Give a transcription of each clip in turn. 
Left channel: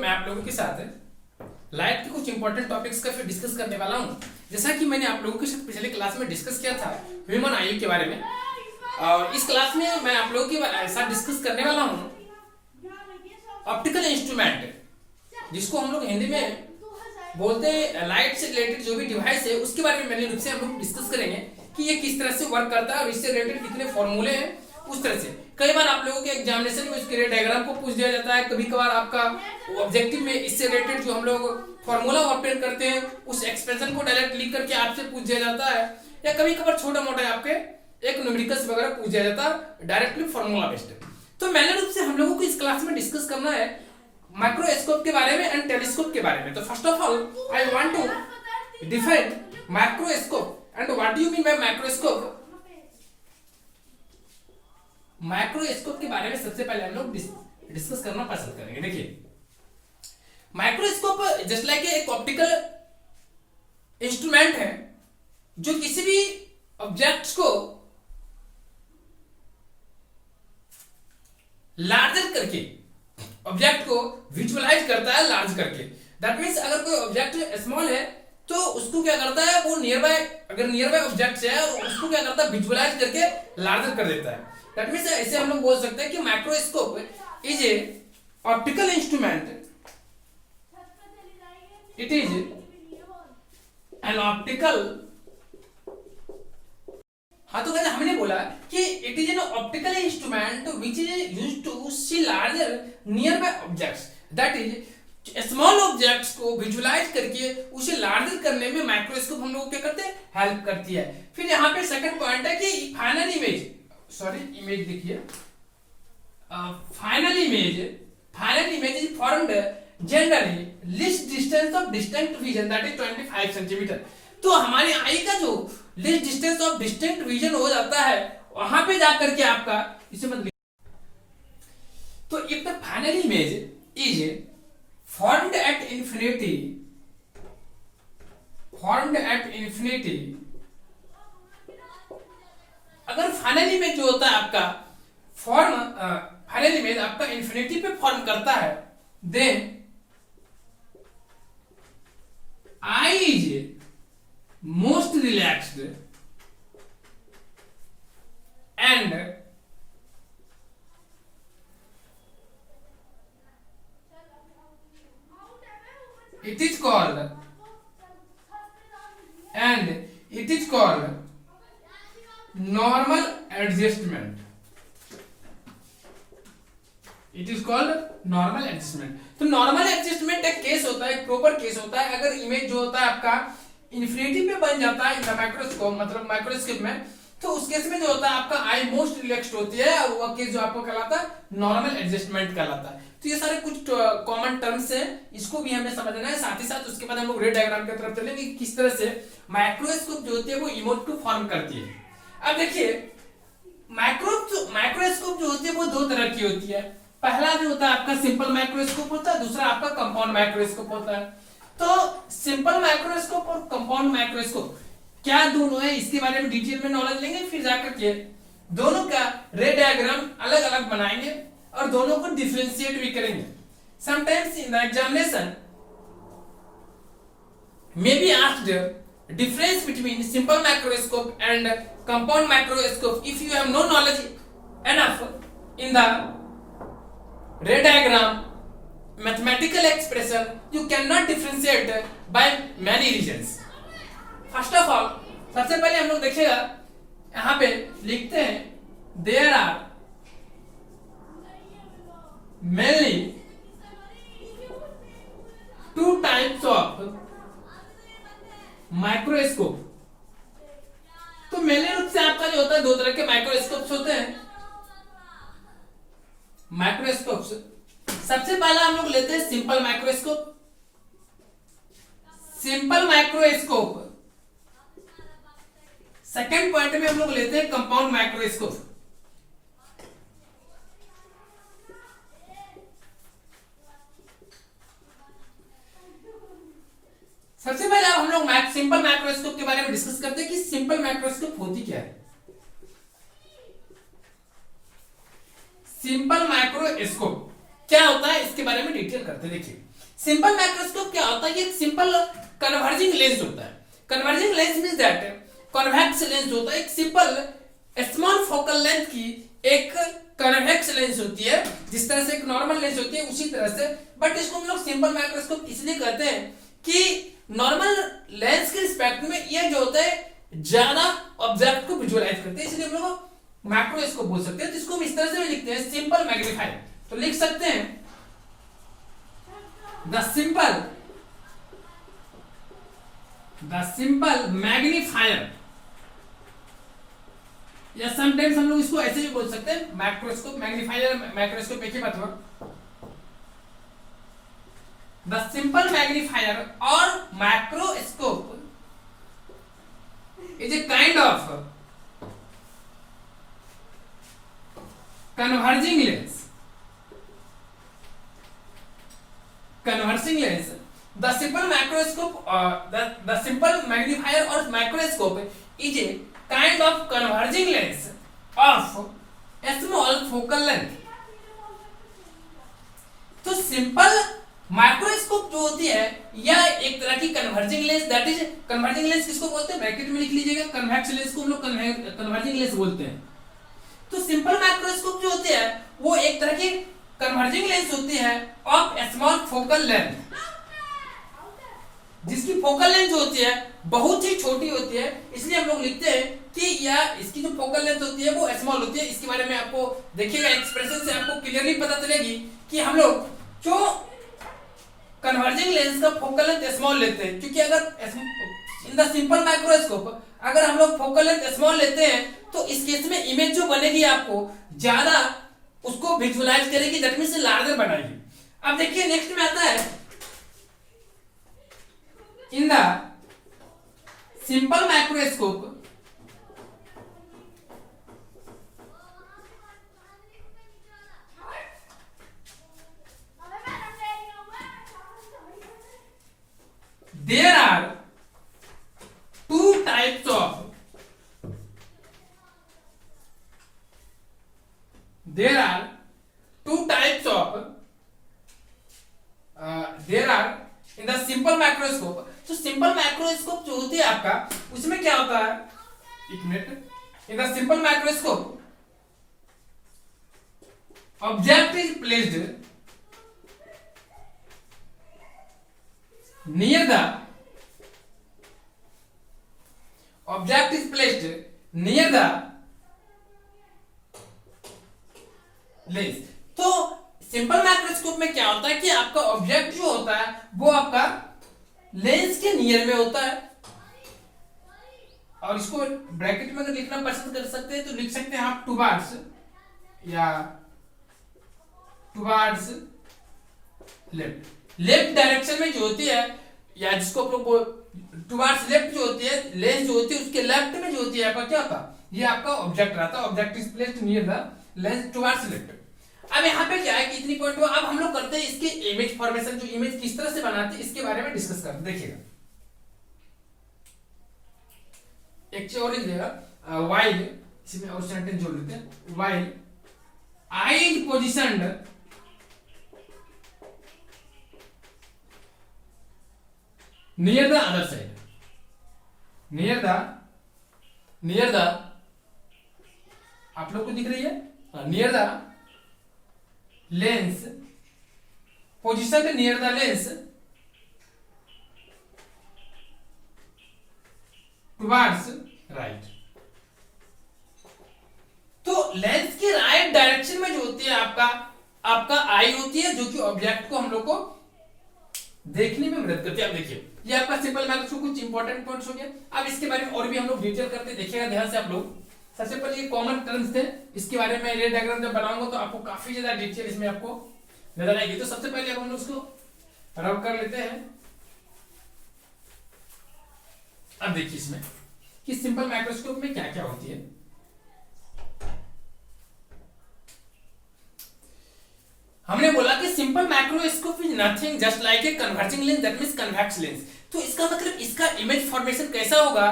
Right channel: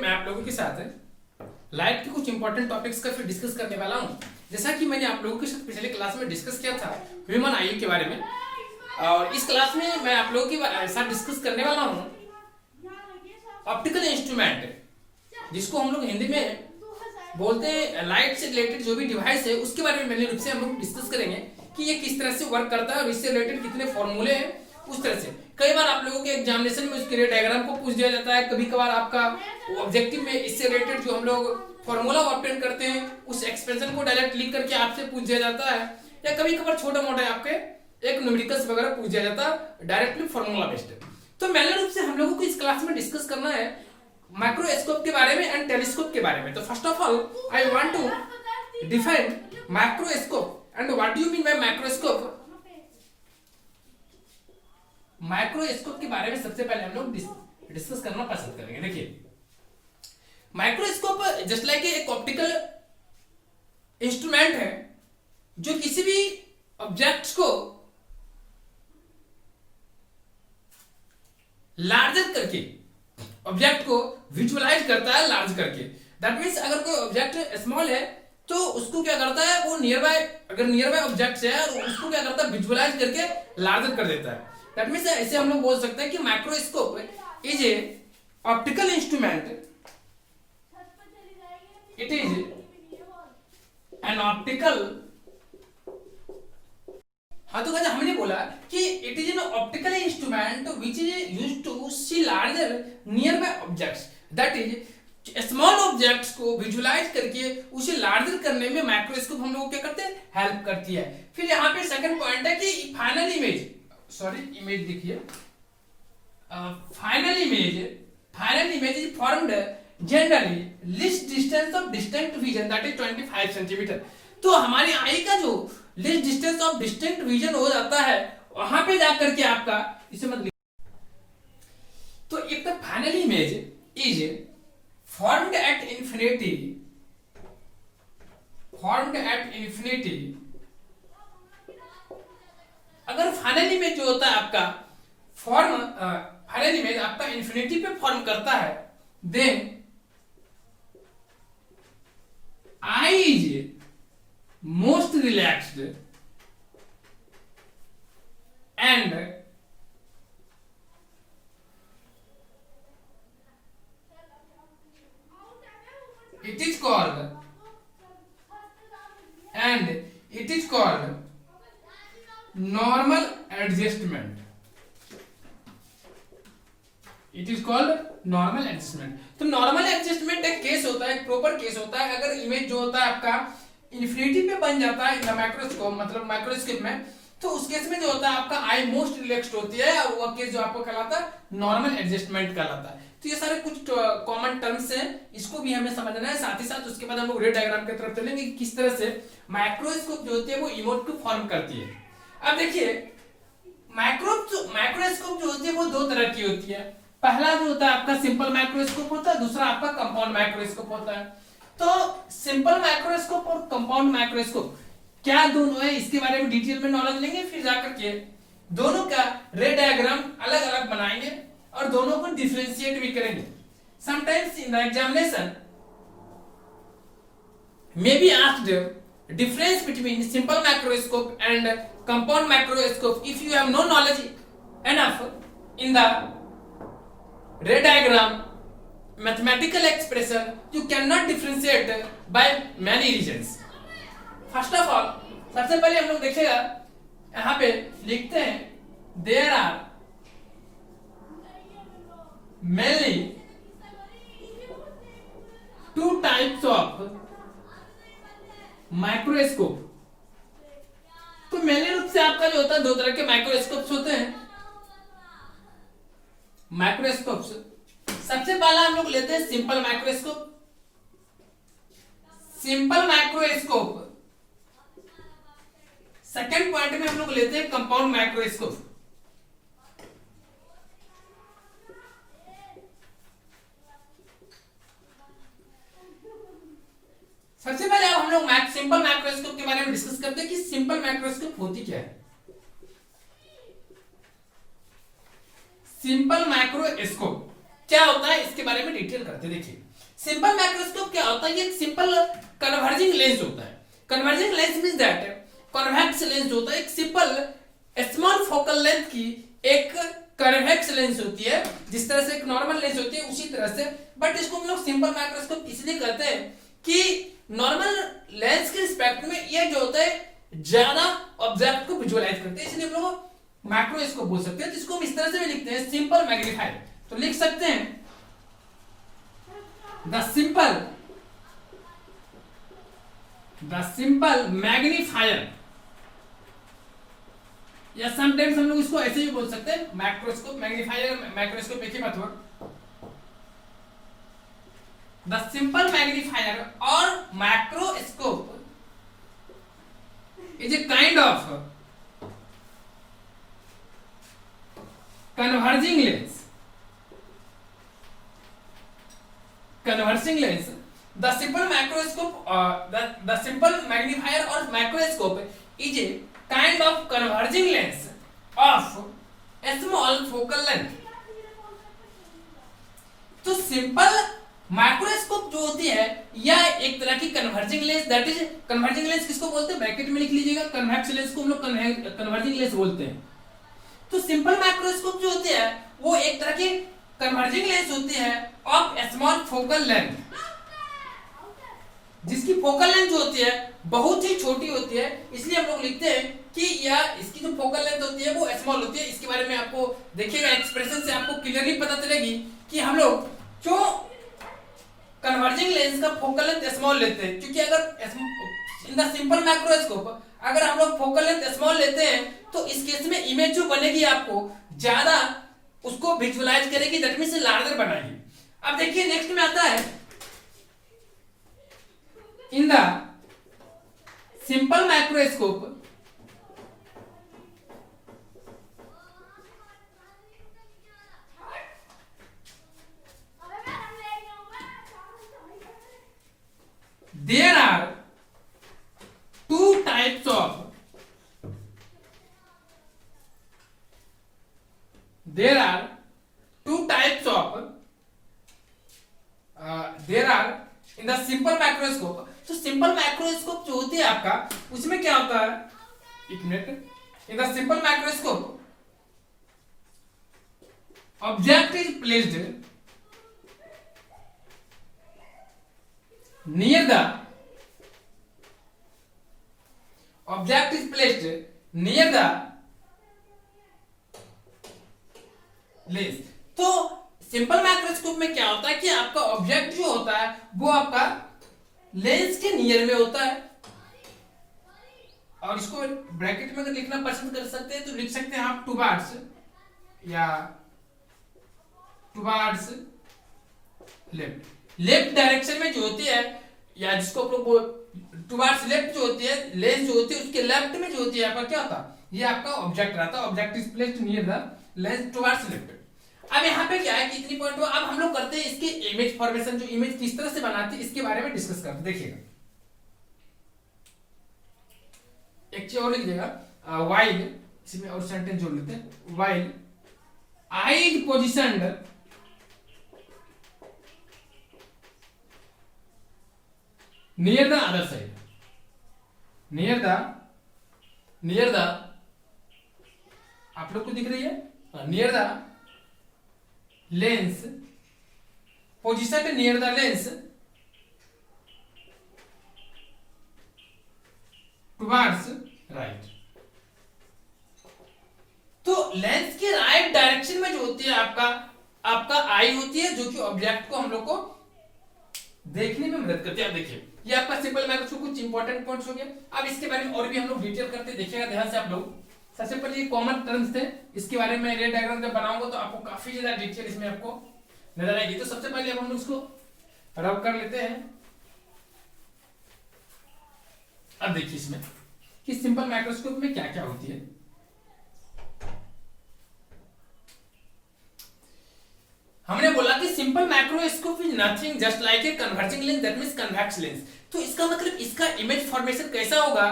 मैं आप लोगों के साथ लाइट के कुछ इंपॉर्टेंट टॉपिक्स का फिर डिस्कस करने वाला हूँ। जैसा कि मैंने आप लोगों के साथ पिछले क्लास में डिस्कस किया था ह्यूमन आई के बारे में, और इस क्लास में मैं आप लोगों के साथ डिस्कस करने वाला हूँ ऑप्टिकल इंस्ट्रूमेंट, जिसको हम लोग हिंदी में बोलते हैं लाइट से रिलेटेड जो भी डिवाइस है उसके बारे में मेनली रूप से हम लोग डिस्कस करेंगे कि ये किस तरह से वर्क करता है और इससे रिलेटेड कितने फॉर्मूले हैं। उस तरह से कई बार आप लोगों के एग्जामिनेशन में उसके डायग्राम को पूछ दिया जाता है, कभी कभार आपका ऑब्जेक्टिव में इससे रिलेटेड जो हम लोग फॉर्मूला ऑब्टेन करते हैं उस एक्सप्रेशन को डायरेक्ट लिख करके आपसे पूछ दिया जाता है, या कभी कभार छोटा मोटा आपके एक न्यूमेरिकल्स वगैरह पूछ दिया जाता है डायरेक्टली फॉर्मूला बेस्ड। तो मेनली रूप से हम लोगों को इस क्लास में डिस्कस करना है माइक्रोस्कोप के बारे में एंड टेलीस्कोप के बारे में। तो first of all I want to define microscope and what do you mean by microscope. Microscope के बारे में सबसे पहले हम लोग डिस्कस करना पसंद करेंगे। देखिए, माइक्रोस्कोप जस्ट लाइक एक ऑप्टिकल इंस्ट्रूमेंट है जो किसी भी ऑब्जेक्ट्स को लार्जर करके ऑब्जेक्ट को विजुअलाइज करता है, लार्ज करके। दैट मीन्स अगर कोई ऑब्जेक्ट स्मॉल है तो उसको क्या करता है, वो नियर बाय, अगर नियर बाय ऑब्जेक्ट है उसको क्या करता है, विजुअलाइज करके लार्जर कर देता है। दैट मीन्स ऐसे हम लोग बोल सकते हैं कि microscope is a optical instrument, it is an optical. हाँ, तो हमने बोला कि it is an optical instrument which is used to see larger nearby objects. That is small objects को विजुअलाइज करके उसे लार्जर करने में माइक्रोस्कोप हम लोग क्या करते हैं, हेल्प करती है। फिर यहाँ पे सेकंड पॉइंट है कि फाइनल इमेज, इमेज देखिए, final image is formed generally list distance of distinct vision, that is 25 centimetre. तो हमारी आई का जो list distance of distinct vision हो जाता है वहां पे जाकर के आपका इसे मत। तो if the final image is formed at infinity, अगर फाइनल इमेज जो होता है आपका फाइनल इमेज आपका इंफिनिटी पे फॉर्म करता है, then eye is most relaxed and it is called normal adjustment. तो नॉर्मल एडजस्टमेंट एक केस होता है, एक प्रॉपर केस होता है अगर इमेज जो होता है आपका इन्फिनिटी पे बन जाता है इन द माइक्रोस्कोप, मतलब माइक्रोस्कोप में, तो उस केस में जो होता है आपका आई मोस्ट रिलैक्स्ड होती है और वो केस जो आपको कहलाता है नॉर्मल एडजस्टमेंट कहलाता है। तो ये सारे कुछ कॉमन टर्म्स हैं, इसको भी हमें समझना है। साथ ही साथ उसके बाद हम लोग रे डायग्राम की तरफ चलेंगे किस तरह से माइक्रोस्कोप जो होती है वो इमेज को फॉर्म करती है। अब देखिए, माइक्रोस्कोप जो होती है वो दो तरह की होती है। पहला जो होता है आपका सिंपल माइक्रोस्कोप होता है, दूसरा आपका कंपाउंड माइक्रोस्कोप होता है। तो सिंपल माइक्रोस्कोप और कंपाउंड माइक्रोस्कोप क्या दोनों है, इसके बारे में डिटेल में नॉलेज लेंगे, फिर जाकर के दोनों का रे डायग्राम अलग अलग बनाएंगे और दोनों को डिफरेंशिएट भी करेंगे। Sometimes in the examination may be asked difference between simple microscope and compound microscope. If you have no knowledge enough in the ray diagram mathematical expression, you cannot differentiate by many reasons. First of all सबसे पहले हम लोग देखिएगा, यहां पे लिखते हैं there are mainly two types of microscope. तो मेनली रूप से आपका जो होता है दो तरह के माइक्रोस्कोप्स होते हैं। माइक्रोस्कोप्स सबसे पहला हम लोग लेते हैं सिंपल माइक्रोस्कोप। सेकेंड पॉइंट में हम लोग लेते हैं कंपाउंड माइक्रोस्कोप। सबसे पहले अब हम लोग सिंपल माइक्रोस्कोप के बारे में डिस्कस करते हैं कि सिंपल माइक्रोस्कोप होती क्या है। सिंपल माइक्रोस्कोप क्या होता है इसके बारे में डिटेल करते हैं। देखिए, सिंपल माइक्रोस्कोप क्या होता है? ये सिंपल कन्वर्जिंग लेंस होता है। Converging lens means that convex lens होता है, एक सिंपल स्मॉल फोकल लेंथ की एक कन्वेक्स लेंस होती है, जिस तरह से एक नॉर्मल लेंस होती है उसी तरह से, बट इसको हम लोग सिंपल माइक्रोस्कोप इसलिए कहते हैं कि नॉर्मल लेंस के रिस्पेक्ट में ये जो होता है ज्यादा ऑब्जेक्ट को विजुअलाइज करते हैं, इसलिए हम लोग मैक्रोस्कोप बोल सकते हैं, जिसको हम इस तरह से भी लिखते हैं सिंपल मैग्नीफायर। तो लिख सकते हैं द सिंपल मैग्नीफायर, या समटाइम्स हम लोग इसको ऐसे भी बोल सकते हैं माइक्रोस्कोप। मैग्नीफायर माइक्रोस्कोप एक ही बात हुआ। द सिंपल मैग्नीफायर और microscope is a kind of converging lens. The simple microscope, the simple magnifier or microscope is a kind of converging lens of a small focal length. तो simple microscope जो होती है या एक तरह की converging lens, that is converging lens किसको बोलते हैं? ब्रैकेट में लिख लीजिएगा, कन्वेक्स लेंस को हम लोग कन्वर्जिंग लेंस बोलते हैं। तो सिंपल माइक्रोस्कोप जो होती है वो एक तरह की कन्वर्जिंग लेंस होती है ऑफ स्मॉल फोकल लेंथ, जिसकी फोकल लेंथ जो होती है बहुत ही छोटी होती है, इसलिए हम लोग लिखते हैं कि या इसकी जो फोकल लेंथ होती है वो स्मॉल होती है। इसके बारे में आपको देखिएगा एक्सप्रेशन से आपको क्लियरली पता चलेगी कि हम लोग जो कन्वर्जिंग लेंस का फोकल लेंथ स्मॉल लेते हैं, क्योंकि अगर इन द सिंपल माइक्रोस्कोप अगर हम लोग फोकल लेंथ स्मॉल लेते हैं तो इस केस में इमेज जो बनेगी आपको ज्यादा उसको विजुअलाइज करेगी, दैट मींस लार्जर बनाएगी। अब देखिए नेक्स्ट में आता है in the simple microscope there are two types of there are in the simple microscope। तो सिंपल माइक्रोस्कोप जो होती है आपका उसमें क्या होता है, एक minute, in the simple microscope object is placed near the object is placed near the lens। तो सिंपल माइक्रोस्कोप में क्या होता है कि आपका ऑब्जेक्ट जो होता है वो आपका लेंस के नियर में होता है, और इसको ब्रैकेट में अगर लिखना पसंद कर सकते हैं तो लिख सकते हैं आप टुवार्ड्स या टुवार्ड्स लेफ्ट। लेफ्ट डायरेक्शन में जो होती है या जिसको आप लोग टुवार्ड्स लेफ्ट जो होती है लेंस जो होती है उसके लेफ्ट में जो होती है आपका क्या होता है, ये आपका ऑब्जेक्ट रहता है। Object is placed near the lens towards left. अब यहाँ पे क्या है कि इतनी पॉइंट हुआ, अब हम लोग करते हैं इसकी इमेज फॉर्मेशन, जो इमेज किस तरह से बनाते हैं इसके बारे में डिस्कस करते हैं। देखिएगा एक चीज और लिख देगा, वाइल, इसमें और सेंटेंस जोड़ लेते हैं, while I is positioned near the other side, near the आप लोग को दिख रही है, near the lens, positioned near the lens towards right। तो लेंस के राइट डायरेक्शन में जो होती है आपका आई होती है, जो कि ऑब्जेक्ट को हम लोग को देखने में मदद करती है। आप देखिए ये आपका सिंपल माइक्रोस्कोप कुछ इंपॉर्टेंट पॉइंट्स हो गया। अब इसके बारे में और भी हम लोग डिटेल करते देखिएगा ध्यान से आप लोग। सबसे पहले ये कॉमन टर्म्स थे, इसके बारे में रे डायग्राम जब बनाऊंगा तो आपको काफी ज्यादा डिटेल इसमें आपको नजर आएगी। तो सबसे पहले हम लोग इसको रब कर लेते हैं। अब देखिए इसमें कि सिंपल माइक्रोस्कोप में क्या क्या होती है। हमने बोला कि simple microscope is nothing just like a converging lens, that means convex lens. तो इसका मतलब इसका इमेज फॉर्मेशन कैसा होगा,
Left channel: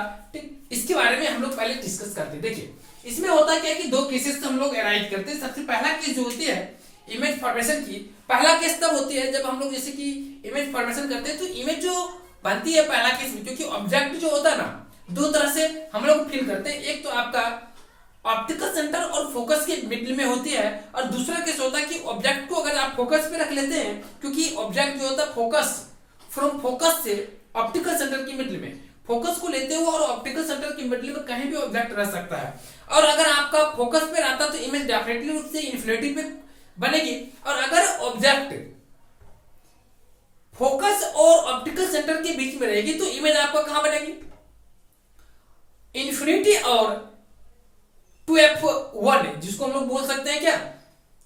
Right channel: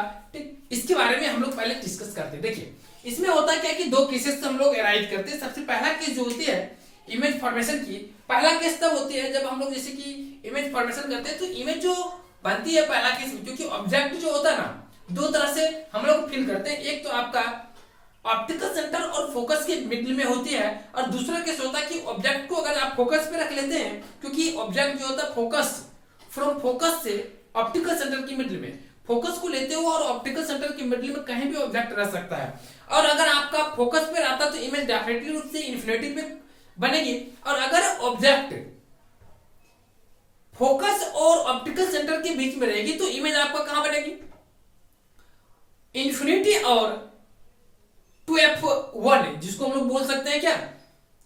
इसके बारे में हम लोग पहले डिस्कस करते हैं। देखिए इसमें होता क्या है कि दो केसेस हम लोग एराइज करते हैं। सबसे पहला केस जो होती है इमेज फॉर्मेशन की पहला केस तब होती है जब हम लोग जैसे कि इमेज फॉर्मेशन करते हैं तो इमेज जो बनती है पहला केस में, क्योंकि ऑब्जेक्ट जो होता है ना दो तरह से हम लोग फील करते हैं, एक तो आपका ऑप्टिकल सेंटर और फोकस के मिडिल में होती है, और दूसरा केस होता है कि ऑब्जेक्ट को अगर आप फोकस पे रख लेते हैं, क्योंकि ऑब्जेक्ट जो होता है फोकस फ्रॉम फोकस से ऑप्टिकल सेंटर की मिडिल में फोकस को लेते हुए और ऑप्टिकल सेंटर की मिडिल में कहीं भी ऑब्जेक्ट रह सकता है, और अगर आपका फोकस पे रहता तो इमेज डेफिनेटली रूप से इन्फिनिटी पे बनेगी, और अगर ऑब्जेक्ट फोकस और ऑप्टिकल सेंटर के बीच में रहेगी तो इमेज आपका कहां बनेगी, इन्फिनिटी और 2f1, जिसको हम लोग बोल सकते हैं क्या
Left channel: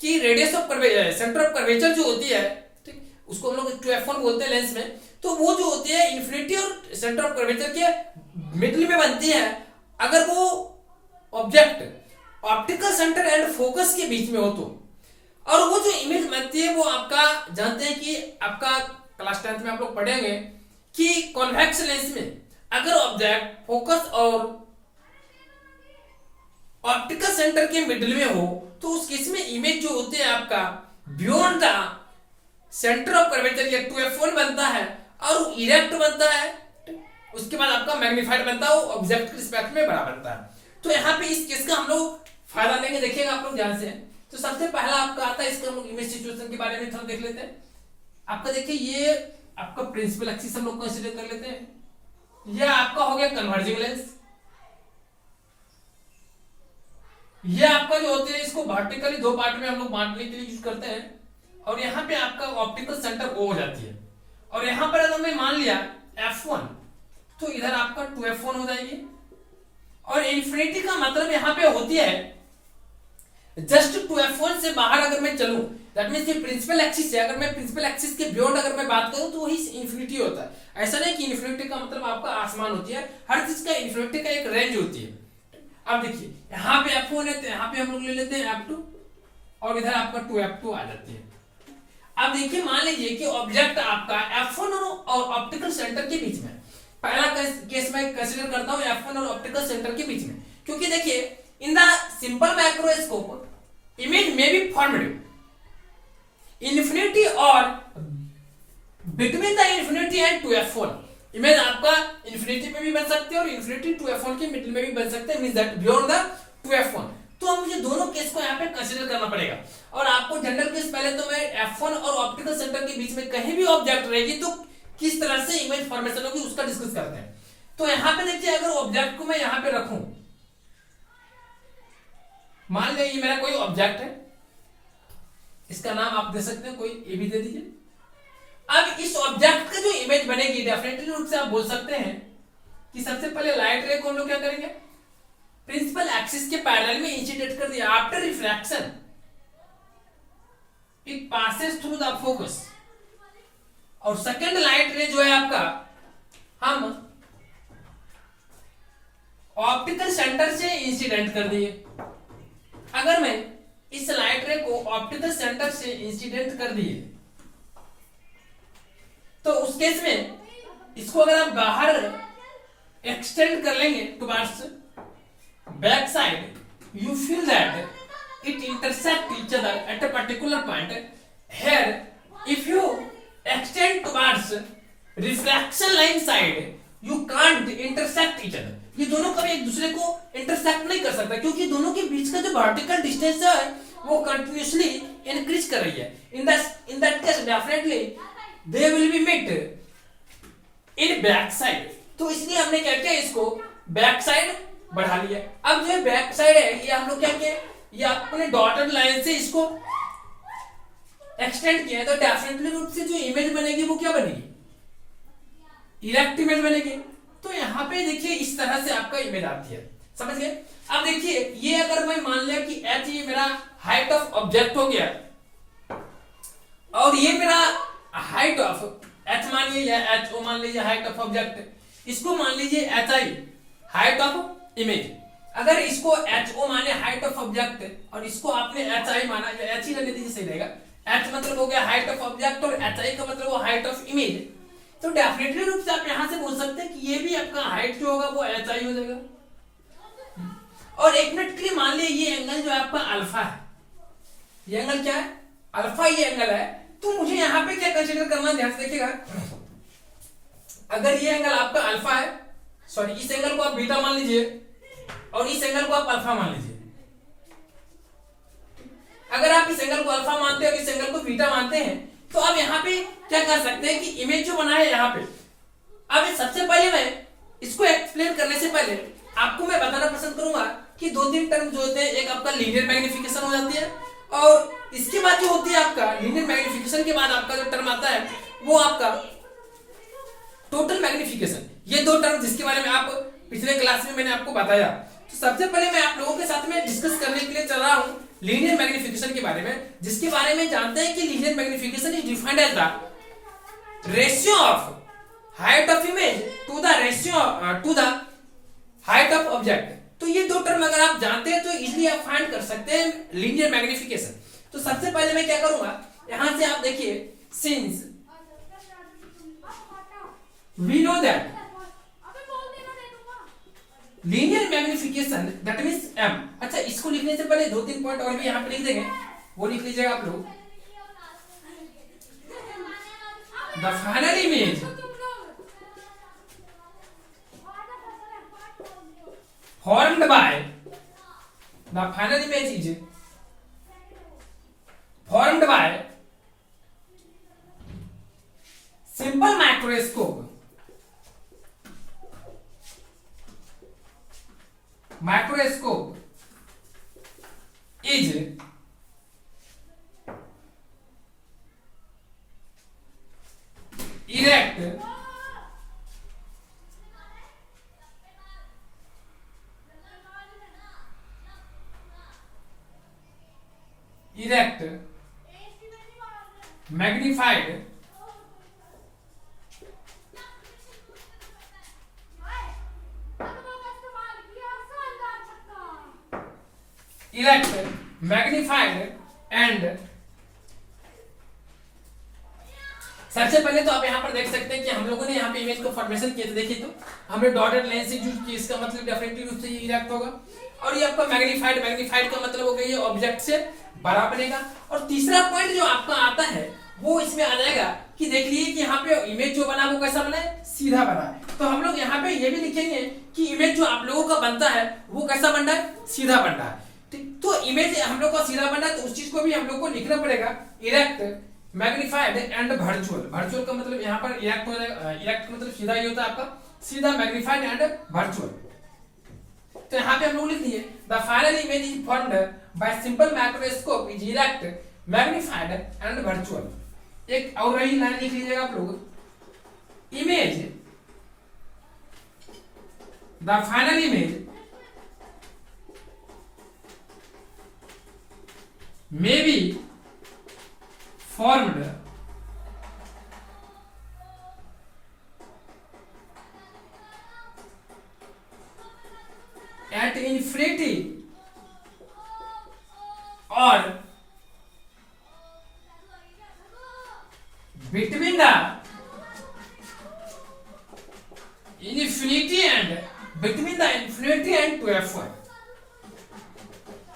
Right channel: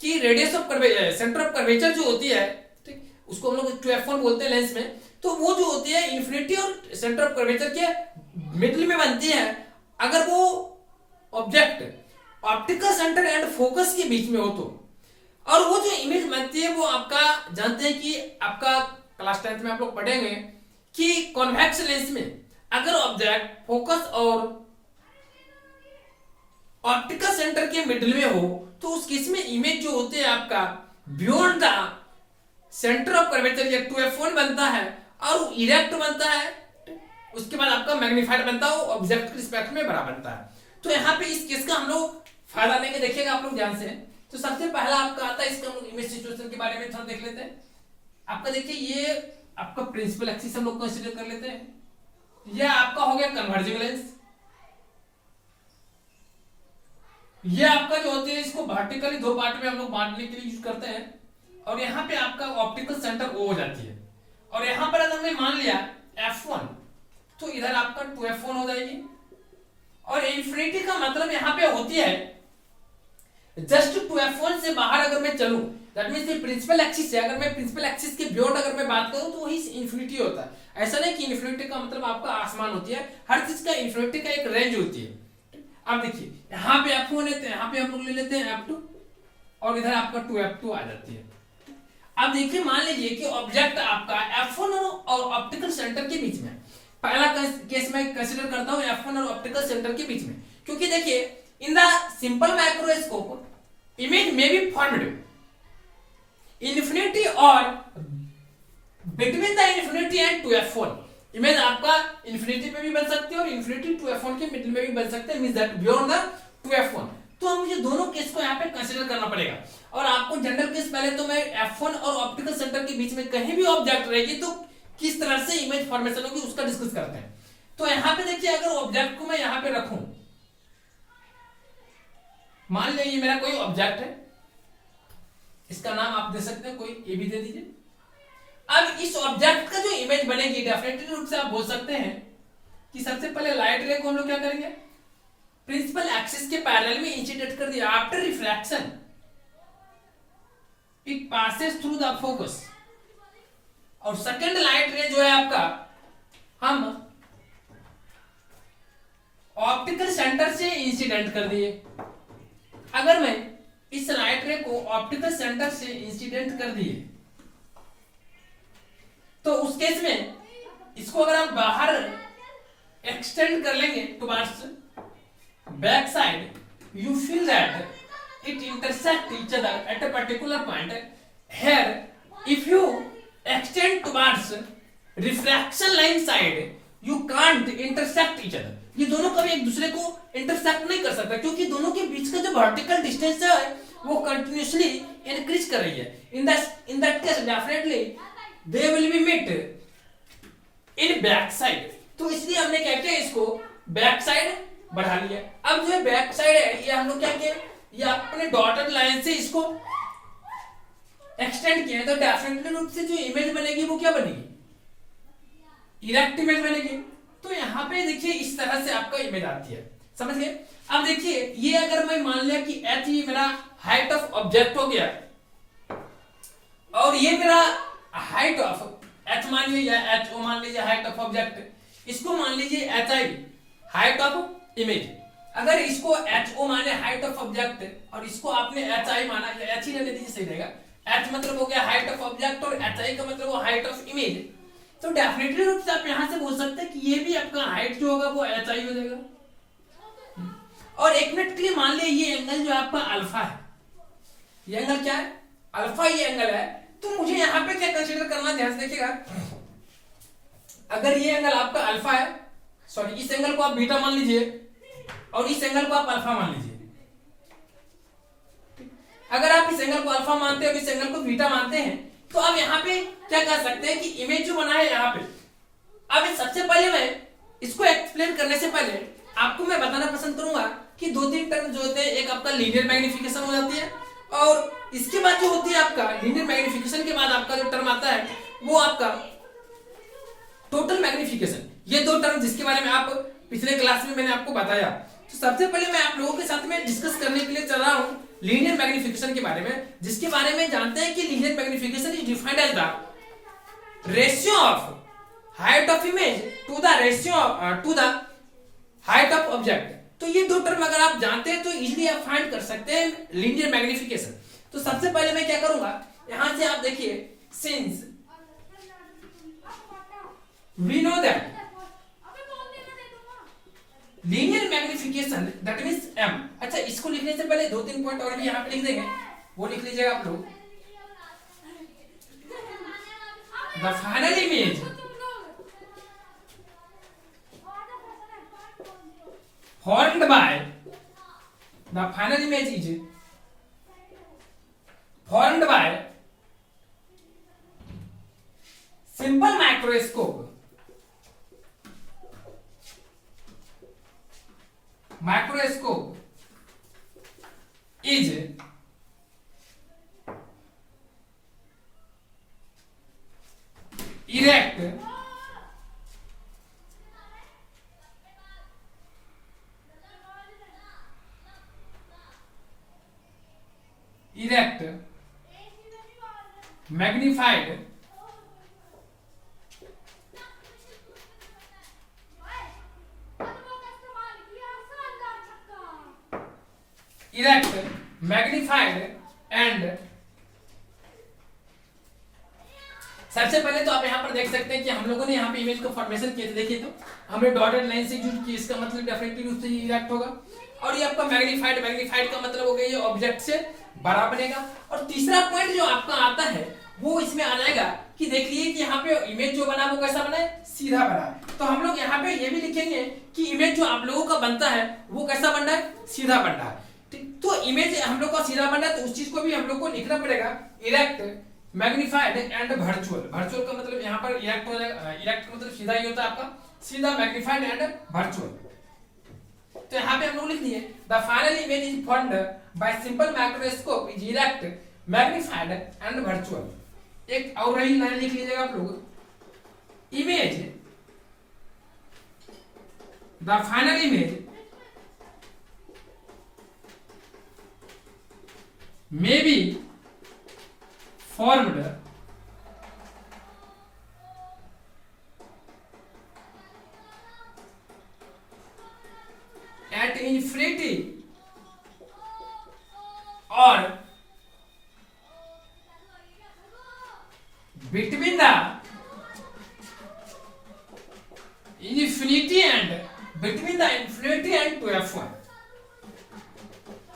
कि radius of centre of curvature जो होती है, ठीक, उसको हम लोग 2f1 बोलते हैं लेंस में, तो वो जो होती है इन्फिनिटी और सेंटर ऑफ कर्वेचर के मिडिल में बनती है अगर वो object optical centre and focus के बीच में हो तो, और वो जो इमेज बनती है वो आपका जानते हैं कि आपका क्लास 10th में आप लोग पढ़ेंगे कि कॉन्वेक्स लेंस में अगर ऑब्जेक्ट फोकस और ऑप्टिकल सेंटर के मिडिल में हो तो उस केस में इमेज जो होते हैं आपका beyond the centre of curvature या 2f1 बनता है और इरेक्ट बनता है, उसके बाद आपका मैग्नीफाइड बनता है, वो ऑब्जेक्ट के रिस्पेक्ट में बड़ा बनता है। तो यहाँ पे इस केस का हम लोग फायदा लेंगे, देखिएगा आप लोग ध्यान से। तो सबसे पहला आपका आता है, इसका हम लोग इमेज सिचुएशन के बारे में थोड़ा देख लेते हैं। आपका देखिए ये आपका प्रिंसिपल एक्सिस हम लोग कंसीडर कर लेते हैं, यह आपका हो गया कन्वर्जिंग लेंस, ये आपका जो होते हैं इसको वर्टिकली दो पार्ट में हम लोग बांटने के लिए यूज करते हैं, और यहाँ पे आपका ऑप्टिकल सेंटर ओ हो जाती है, और यहाँ पर अगर हमने मान लिया f1 तो इधर आपका 2f1 हो जाएगी, और इन्फिनिटी का मतलब यहाँ पे होती है जस्ट 2f1 से बाहर अगर मैं चलूं, दैट मींस ये प्रिंसिपल एक्सिस है, अगर मैं प्रिंसिपल एक्सिस के बियॉन्ड अगर मैं बात करूं तो वही इन्फिनिटी होता है। ऐसा नहीं कि इन्फिनिटी का मतलब आपका आसमान होती है, हर चीज का इन्फिनिटी का एक रेंज होती है। अब देखिए यहाँ पे f1 है तो यहाँ पे हम लोग ले लेते हैं f2, और इधर आपका 2f2 आ जाती है। अब देखिए मान लीजिए कि ऑब्जेक्ट आपका f1 और ऑप्टिकल सेंटर के बीच में, पहला केस मैं कंसीडर करता हूं f1 और ऑप्टिकल सेंटर के बीच में, क्योंकि देखिए in the simple microscope image में बी फॉर्म्ड इन्फिनिटी और between the infinity and 2f1, image आपका इन्फिनिटी पे भी बन सकती है और इन्फिनिटी 2f1 के मिडिल में भी बन सकते हैं, means that beyond the 2f1। तो मुझे दोनों केस को यहाँ पे कंसीडर करना पड़ेगा, और आपको जनरल केस पहले तो मैं f1 और ऑप्टिकल सेंटर के बीच में कहीं भी ऑब्जेक्ट रहेगी तो किस तरह से इमेज फॉर्मेशन होगी उसका डिस्कस करते हैं। तो यहाँ पे देखिए अगर ऑब्जेक्ट को मैं यहाँ पे रखूं, मान लिया ये मेरा कोई ऑब्जेक्ट है, इसका नाम आप दे सकते हैं कोई ए भी दे दीजिए। अब इस ऑब्जेक्ट का जो इमेज बनेगी डेफिनेटली रूप से आप बोल सकते हैं कि सबसे पहले लाइट रे को हम लोग क्या करेंगे, प्रिंसिपल एक्सिस के पैरेलल में इंसिडेंट कर दिया, after refraction it passes through the focus, और सेकंड लाइट रे जो है आपका हम ऑप्टिकल सेंटर से इंसिडेंट कर दिए। अगर मैं इस लाइट रे को ऑप्टिकल सेंटर से इंसिडेंट कर दिए तो उस केस में इसको अगर आप बाहर एक्सटेंड कर लेंगे towards back side, you feel that it intersect each other at a particular point. Here, if you extend towards refraction line side, you can't intersect each other. ये दोनों कभी एक दूसरे को इंटरसेक्ट नहीं कर सकता, क्योंकि दोनों के बीच का जो वर्टिकल डिस्टेंस है वो कंटिन्यूअसली इंक्रीज कर रही है। in that case definitely they will be met in back side। तो इसलिए हमने क्या किया, इसको बैक साइड बढ़ा लिया। अब जो बैक साइड है ये हम लोग क्या किए, ये अपने डॉटेड लाइन से इसको एक्सटेंड किया है, तो डेफिनेटली रूप से जो इमेज बनेगी वो क्या बनेगी, इरेक्ट इमेज बनेगी। तो यहाँ पे देखिए इस तरह से आपका इमेज आती है, समझ गए। अब देखिए ये अगर मैं मान लिया कि h ये मेरा हाइट ऑफ ऑब्जेक्ट हो गया, और ये मेरा हाइट ऑफ h मान लीजिए, या h मान लीजिए हाइट ऑफ ऑब्जेक्ट, इसको मान लीजिए hi हाइट ऑफ इमेज। अगर इसको HO माने हाइट ऑफ ऑब्जेक्ट और इसको आपने HI माना, या H ही ले लीजिए सही रहेगा, H मतलब हो गया हाइट ऑफ ऑब्जेक्ट और HI का मतलब वो हाइट ऑफ इमेज। तो डेफिनेटली रूप से आप यहां से बोल सकते हैं कि ये भी आपका हाइट जो होगा वो HI हो जाएगा। और एक मिनट के लिए मान लिया ये एंगल जो आपका अल्फा है, ये एंगल क्या है, अल्फा ये एंगल है, तो मुझे यहाँ पे क्या कंसीडर करना है, ध्यान से देखिएगा। अगर ये एंगल आपका अल्फा है, सॉरी इस एंगल को आप बीटा मान लीजिए और इस एंगल को आप अल्फा मान लीजिए। अगर आप इस एंगल को अल्फा मानते हैं और इस एंगल को बीटा मानते हैं, तो अब यहाँ पे क्या कर सकते हैं कि इमेज जो बना है यहाँ पे, अब सबसे पहले मैं इसको एक्सप्लेन करने से पहले आपको मैं बताना पसंद करूंगा कि दो तीन टर्म जो होते हैं, एक आपका लीनियर मैग्निफिकेशन हो जाती है और इसके बाद जो होती है आपका लीनियर मैग्निफिकेशन के बाद आपका जो टर्म आता है वो आपका टोटल मैग्निफिकेशन। ये दो टर्म जिसके बारे में आप पिछले क्लास में मैंने आपको बताया। तो सबसे पहले मैं आप लोगों के साथ में डिस्कस करने के लिए चल रहा हूं लीनियर मैग्निफिकेशन के बारे में, जिसके बारे में जानते हैं कि linear magnification is defined as the ratio of height of image to the ratio to the height of object. तो ये दो टर्म अगर आप जानते हैं तो इजीली आप फाइंड कर सकते हैं लीनियर मैग्निफिकेशन। तो सबसे पहले मैं क्या करूंगा, यहां से आप देखिए, since we know that linear magnification that means m। अच्छा, इसको लिखने से पहले दो तीन पॉइंट और भी यहां पे लिख देंगे, वो लिख लीजिएगा आप लोग। The final image formed by the final image is formed by simple microscope is erect magnified and सबसे पहले तो आप यहाँ पर देख सकते हैं कि हम लोगों ने यहाँ पे इमेज को फॉर्मेशन किए थे। देखिए, तो हमने डॉटेड लाइन से यूज किया, इसका मतलब डेफिनेटली रूप से ये इरेक्ट होगा। और ये आपका मैग्नीफाइड का मतलब हो गया ये ऑब्जेक्ट से बड़ा बनेगा। और तीसरा पॉइंट जो आपका आता है वो इसमें आ जाएगा कि देख लिए कि यहाँ पे इमेज जो बना वो कैसा बना है, सीधा बना है। तो हम लोग यहाँ पे ये भी लिखेंगे कि इमेज जो आप लोगों का बनता है वो कैसा बन रहा है, सीधा बन रहा है। तो इमेज हम लोग का सीधा बन रहा है, तो उस चीज को भी हम लोग को लिखना पड़ेगा, erect magnified and virtual. Virtual का मतलब यहाँ पर इरेक्ट हो जाएगा, इरेक्ट का मतलब सीधा ही होता है आपका, सीधा मैग्नीफाइड एंड वर्चुअल। तो यहाँ पे हम लोग लिख दिए the final image is formed by simple microscope is erect magnified and virtual. एक और रही लाइन लिख लीजिएगा आप लोग, image the final image may B formed at infinity or between the infinity and 2f1।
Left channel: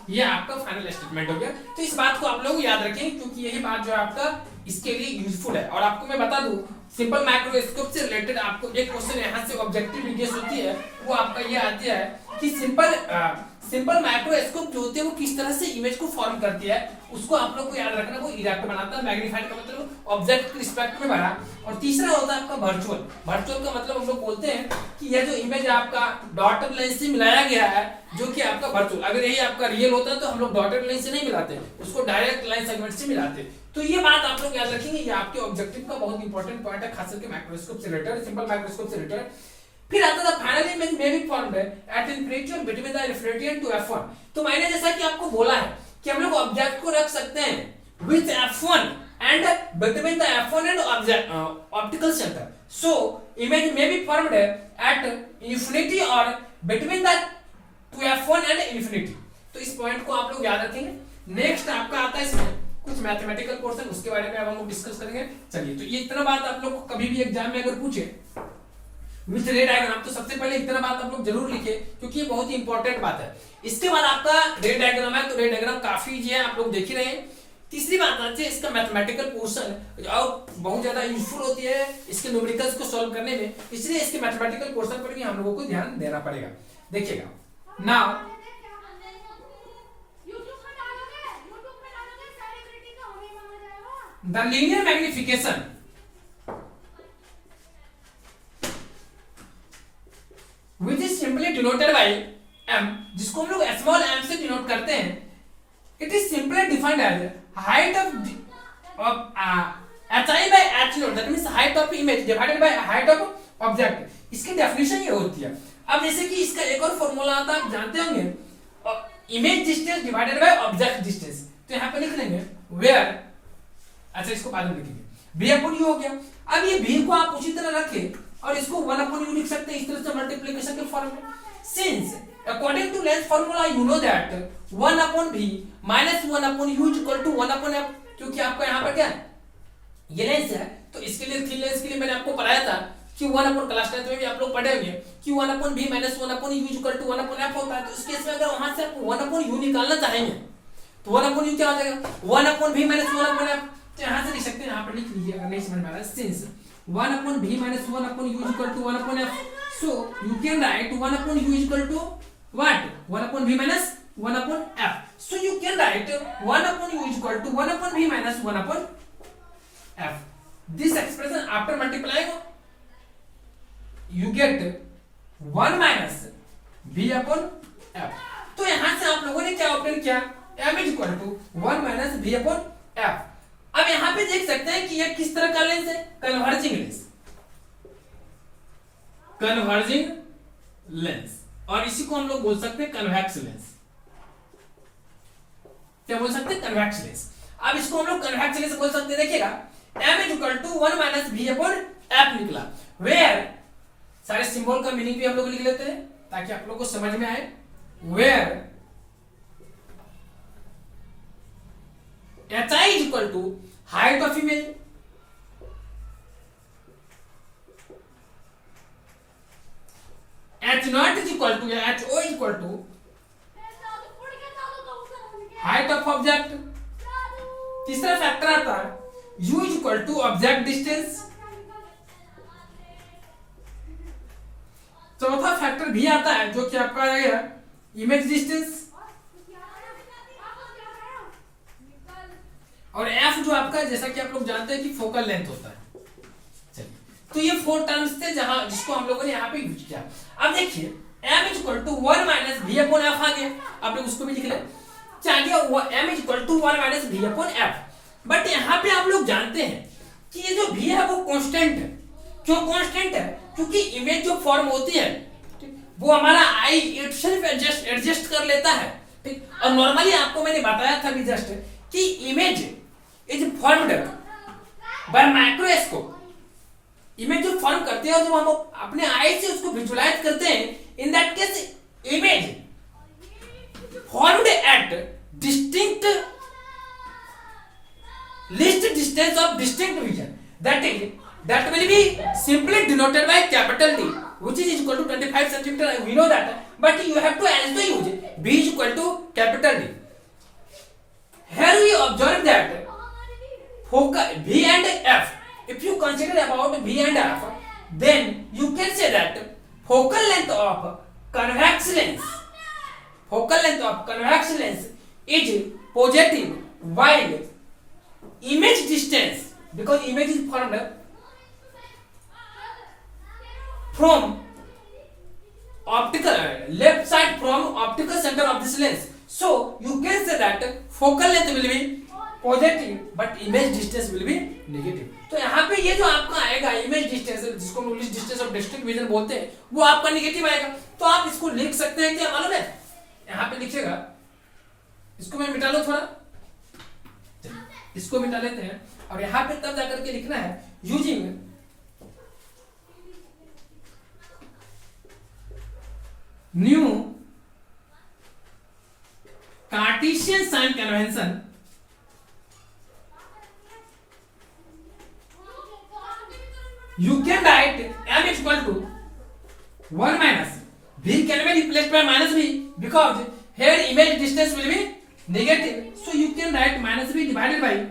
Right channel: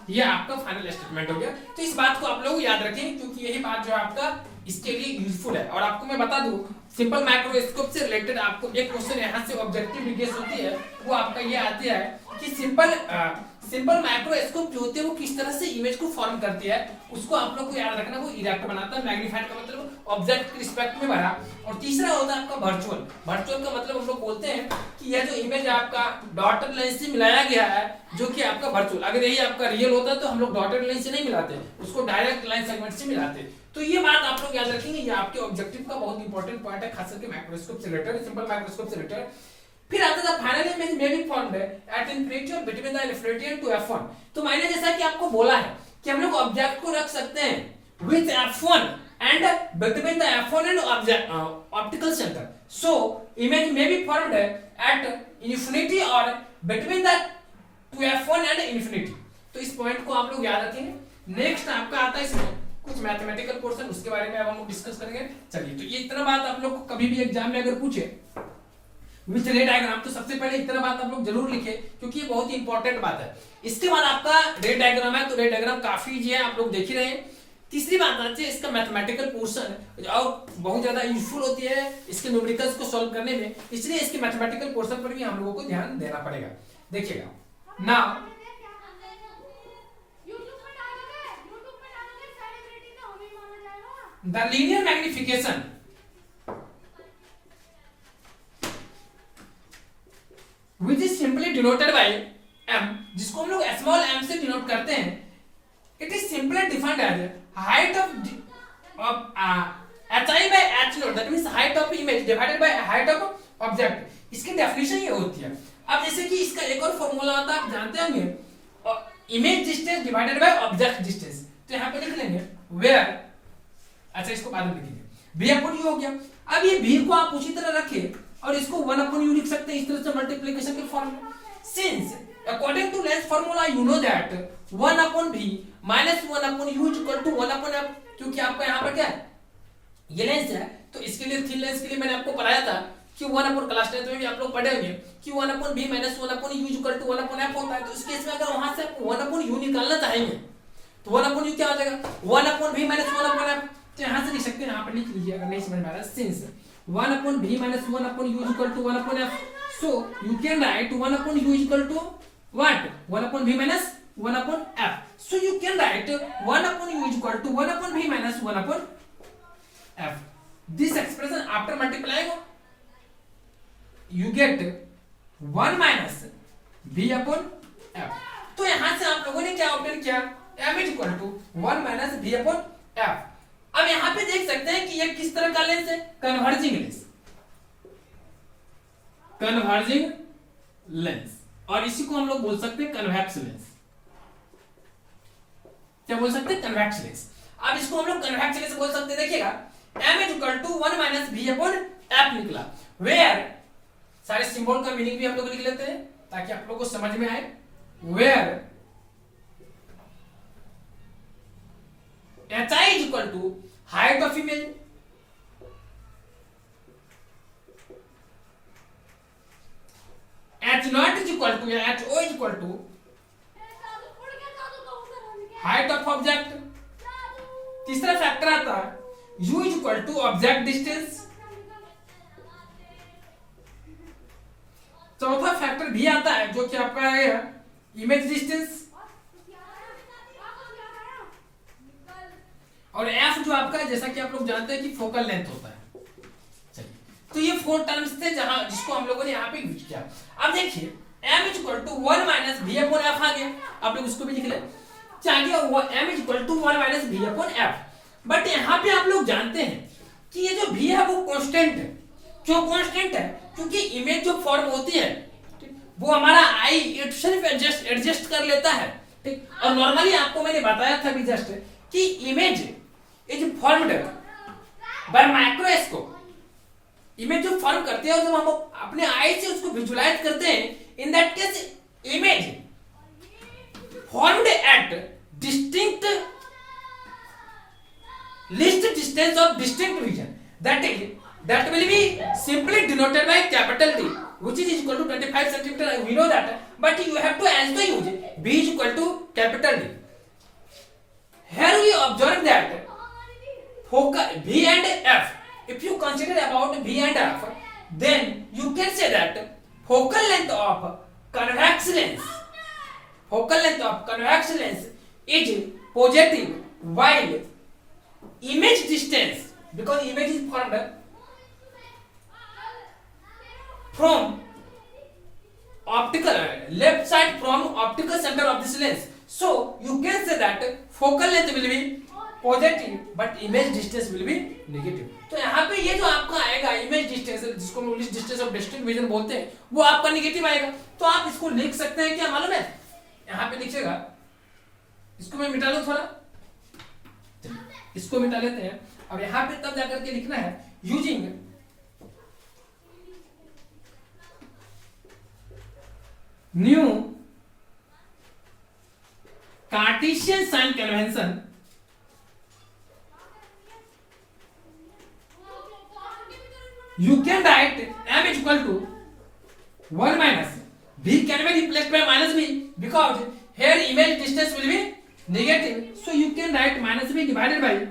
ये आपका फाइनल स्टेटमेंट हो गया। तो इस बात को आप लोग याद रखें, क्योंकि यही बात जो है आपका इसके लिए यूजफुल है। और आपको मैं बता दूं, सिंपल माइक्रोस्कोप से रिलेटेड आपको एक क्वेश्चन यहाँ से ऑब्जेक्टिव गेस होती है, वो आपका ये आती है कि सिंपल माइक्रोस्कोप जो होती है वो किस तरह से इमेज को फॉर्म करती है, उसको आप लोग को याद रखना। वो इरेक्ट बनाता है, मैग्नीफाइड का मतलब ऑब्जेक्ट के रिस्पेक्ट में बना। और तीसरा होता है आपका वर्चुअल। वर्चुअल का मतलब हम लोग बोलते हैं कि यह जो इमेज आपका डॉटेड लाइन से मिलाया गया है, जो कि आपका वर्चुअल, अगर यही आपका रियल होता तो हम लोग डॉटेड लाइन से नहीं मिलाते, उसको डायरेक्ट लाइन सेगमेंट से मिलाते। तो ये बात आप लोग याद रखेंगे, ये आपके ऑब्जेक्टिव का बहुत इंपॉर्टेंट पॉइंट है, खास करके माइक्रोस्कोप से रिलेटेड, सिंपल माइक्रोस्कोप से रिलेटेड। फिर आता था final image may be formed at infinity और between the infinity and two f1। तो मैंने जैसा कि आपको बोला है कि हम लोग ऑब्जेक्ट को रख सकते हैं with f1 and between the f1 and object optical centre. So image may be formed at infinity और between the two f1 and infinity. तो इस पॉइंट को आप लोग याद रखेंगे। नेक्स्ट आपका आता है इसमें कुछ मैथमेटिकल पोर्शन, उसके बारे में अब हम लोग डिस्कस करेंगे। चलिए, तो ये इतना बात आप लोग को कभी भी एग्जाम में अगर पूछे विथ रे डायग्राम, तो सबसे पहले इतना बात आप लोग जरूर लिखे, क्योंकि ये बहुत ही इंपॉर्टेंट बात है। इसके बाद आपका रे डायग्राम है, तो रे डायग्राम काफी इजी है, आप लोग देख ही रहे हैं तीसरी बात आती है इसका मैथमेटिकल पोर्शन और बहुत ज्यादा यूजफुल होती है इसके न्यूमेरिकल्स को सॉल्व करने में, इसलिए इसके मैथमेटिकल पोर्शन पर भी हम लोगों को ध्यान देना पड़ेगा। देखिएगा now the linear magnification which is simply denoted by m, जिसको हम लोग स्मॉल m से डिनोट करते हैं, it is simply defined as height of hi by h naught, that means height of image divided by height of object. इसकी definition ये होती है। अब जैसे कि इसका एक और फॉर्मूला आता है, आप जानते होंगे, image distance divided by object distance. तो यहाँ पे लिख लेंगे वेयर, अच्छा इसको बाद में लिखेंगे, b अपॉन u हो गया। अब ये b को आप उसी तरह रखें और इसको 1 अपॉन u लिख सकते हैं इस तरह से मल्टीप्लिकेशन के फॉर्म में। Since according to length formula you know that 1 upon v minus 1 upon u is equal to 1 upon f, क्योंकि आपका यहाँ पर क्या है ये लेंस है, तो इसके लिए थीन लेंस के लिए मैंने आपको पढ़ाया था कि 1 अपॉन क्लास 10 में भी आप लोग पढ़े होंगे कि 1 upon v minus 1 upon u is equal to 1 upon f होता है। तो इस केस में अगर वहां से आप 1 अपॉन u निकालना चाहेंगे तो 1 अपॉन u क्या हो जाएगा, 1 upon v minus 1 upon f। तो यहाँ से लिख सकते हैं, यहाँ पर लिख लीजिए अगर नहीं समझ में आ रहा है। Since 1 upon v minus 1 upon u is equal to 1 upon f, so you can write 1 upon u is equal to what, 1 upon v minus 1 upon f, so you can write 1 upon u is equal to 1 upon v minus 1 upon f. This expression after multiplying you get 1 minus v upon f. तो यहां से आप लोगों ने क्या obtain किया, m is equal to 1 minus v upon f। अब यहां पे देख सकते हैं कि यह किस तरह का लेंस है, कन्वर्जिंग लेंस, कन्वर्जिंग लेंस, और इसी को हम लोग बोल सकते हैं कन्वेक्स लेंस। क्या बोल सकते हैं, कन्वेक्स लेंस। अब इसको हम लोग कन्वेक्स लेंस बोल सकते हैं। देखिएगा m is equal to 1 minus v upon f निकला, वेयर सारे सिंबल का मीनिंग भी हम लोग लिख लेते हैं ताकि आप लोगों को समझ में आए। Where hi is equal to height of image, h naught is equal to h o is equal to height of object। तीसरा फैक्टर आता है u is equal to object distance। चौथा फैक्टर भी आता है जो कि आपका आएगा इमेज डिस्टेंस, और f जो आपका जैसा कि आप लोग जानते हैं कि फोकल लेंथ होता है। चलिए, तो ये 4 टर्म्स थे जहां जिसको हम लोगों ने यहाँ पे यूज किया। अब देखिए m is equal to 1 minus v upon f आ गया, आप लोग उसको भी लिख ले, चाहिए m is equal to 1 minus v upon f। But यहाँ पे आप लोग जानते हैं कि ये जो v है वो कांस्टेंट है। क्यों कांस्टेंट है, क्योंकि इमेज जो फॉर्म होती है वो हमारा आई इटसेल्फ एडजस्ट कर लेता है, ठीक। और नॉर्मली आपको मैंने बताया था भी जस्ट कि image is formed by microscope. Image जो फॉर्म करते हैं, जब हम अपने आई से उसको विजुलाइज करते हैं, in that case image formed at distinct least distance of distinct vision, that will be simply denoted by capital D, which is equal to 25 centimeter. We know that, but you have to also use B is equal to capital D. Here we observe that focal V and F. If you consider about V and F, then you can say that focal length of convex lens, focal length of convex lens is positive, while image distance, because image is formed from optical left side from optical center of this lens, so you can say that focal length will be positive but image distance will be negative। तो यहाँ पे ये जो आपका आएगा image distance, जिसको हम English distance of distinct vision बोलते हैं, वो आपका नेगेटिव आएगा। तो आप इसको लिख सकते हैं, क्या मालूम है, यहाँ पे लिखिएगा, इसको मैं मिटा लूं थोड़ा, इसको मिटा लेते हैं, और यहां पे तब जाकर के लिखना है using new Cartesian sign convention you can write m is equal to 1 minus v can be replaced by minus v because here image distance will be negative, so you can write minus B divided by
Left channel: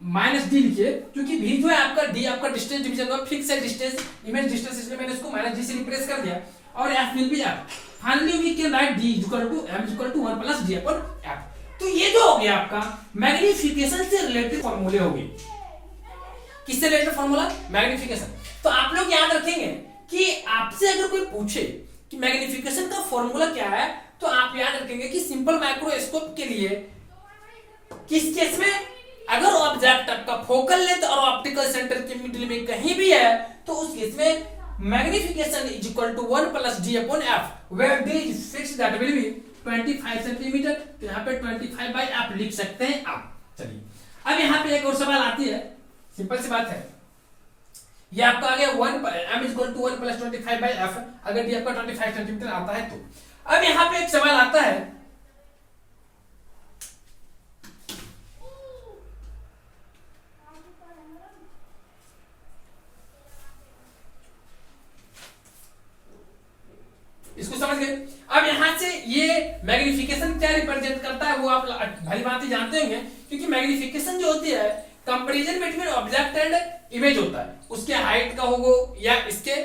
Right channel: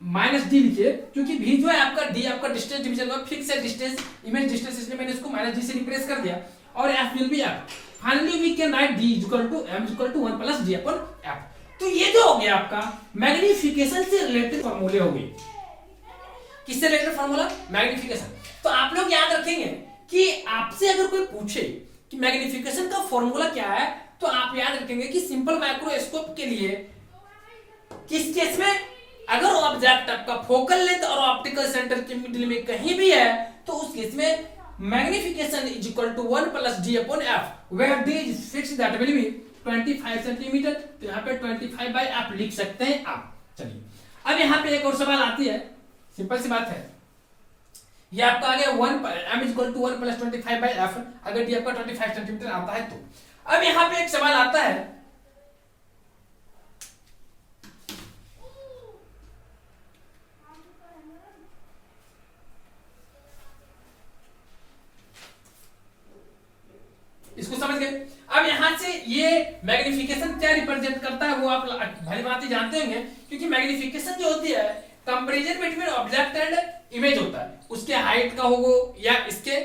minus D लिखिए, क्योंकि भी जो है आपका D आपका distance division का fix है, distance image distance, इसलिए मैंने इसको माइनस डी से रिप्लेस कर दिया, और f will be f. Finally we can write d equal to m equal to 1 plus d upon f. तो ये जो हो गया आपका मैग्नीफिकेशन से रिलेटेड फॉर्मूले हो गए। किससे रिलेटेड फॉर्मूला? मैग्नीफिकेशन। तो आप लोग याद रखेंगे कि आपसे अगर कोई पूछे कि मैग्नीफिकेशन का फॉर्मूला क्या है, तो आप याद रखेंगे कि सिंपल माइक्रोस्कोप के लिए किस केस में अगर ऑब्जेक्ट आपका फोकल लेंथ और ऑप्टिकल सेंटर के मिडिल में कहीं भी है, तो उस केस में magnification is equal to 1 plus d upon f, where d is fixed that will be 25 centimetre. तो यहाँ पे 25 बाई एफ लिख सकते हैं आप। चलिए अब यहाँ पे एक और सवाल आती है, सिंपल सी बात है, ये आपका आ गया 1 m is equal to 1 plus 25 by f, अगर डी आपका 25 सेंटीमीटर आता है तो। अब यहाँ पे एक सवाल आता है, इसको समझ गए? अब यहां से ये मैग्नीफिकेशन क्या रिप्रेजेंट करता है वो आप भली भांति जानते होंगे, क्योंकि मैग्नीफिकेशन जो होती है comparison between object and image होता है, उसके हाइट का होगा या इसके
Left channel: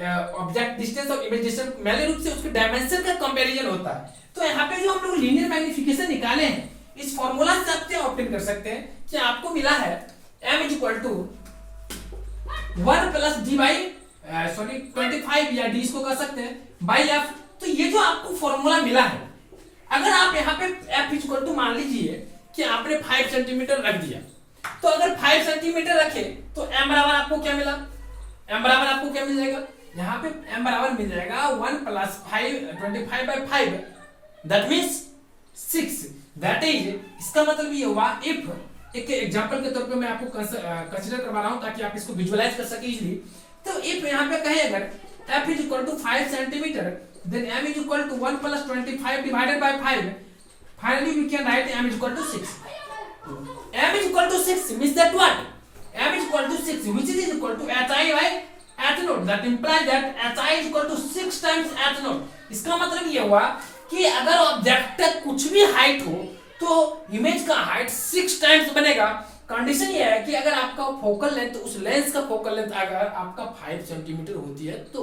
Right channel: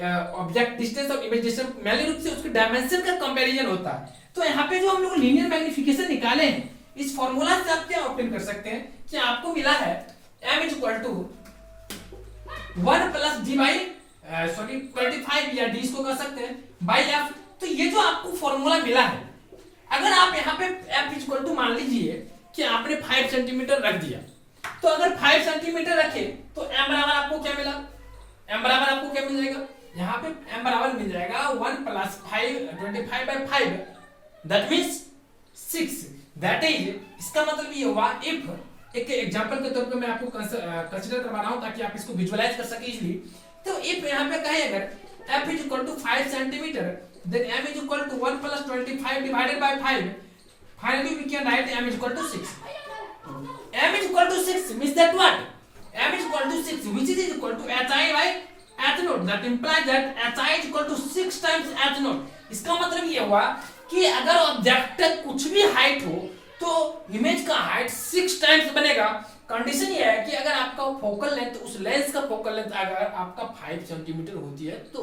ऑब्जेक्ट डिस्टेंस और इमेज डिस्टेंस, मेनली रूप से उसके डायमेंशन का कंपैरिजन होता है। तो यहाँ पे जो हम लोग लीनियर मैग्नीफिकेशन निकाले हैं, इस फॉर्मूला से आप क्या ऑब्टेन कर सकते हैं कि आपको मिला है m is equal to 1 plus d by sorry 25 या डी इसको कर सकते हैं बाई एफ। तो ये जो आपको फॉर्मूला मिला है, अगर आप यहाँ पे एफ इक्वल टू मान लीजिए कि आपने 5 सेंटीमीटर रख दिया, तो अगर 5 सेंटीमीटर रखे तो एम बराबर आपको क्या मिला? एम बराबर आपको क्या मिल जाएगा? यहाँ पे एम बराबर मिल जाएगा 1 plus 25 by 5, that means 6। That is, इसका मतलब ये हुआ, इफ एक एग्जांपल के तौर पे मैं आपको कंसीडर करवा रहा हूं ताकि आप इसको विजुअलाइज कर सके इजीली। तो इफ यहाँ पे कहे अगर f is equal to 5 centimetre, then m is equal to 1 plus 25 divided by 5, finally we can write m is equal to 6। m is equal to 6 means that what? m is equal to 6 which is equal to hi by h naught, that implies that hi is equal to 6 times h naught। इसका मतलब ये हुआ कि अगर object का कुछ भी height हो तो इमेज का हाइट 6 टाइम्स बनेगा। कंडीशन ये है कि अगर आपका फोकल लेंथ, उस लेंस का फोकल लेंथ अगर आपका 5 सेंटीमीटर होती है तो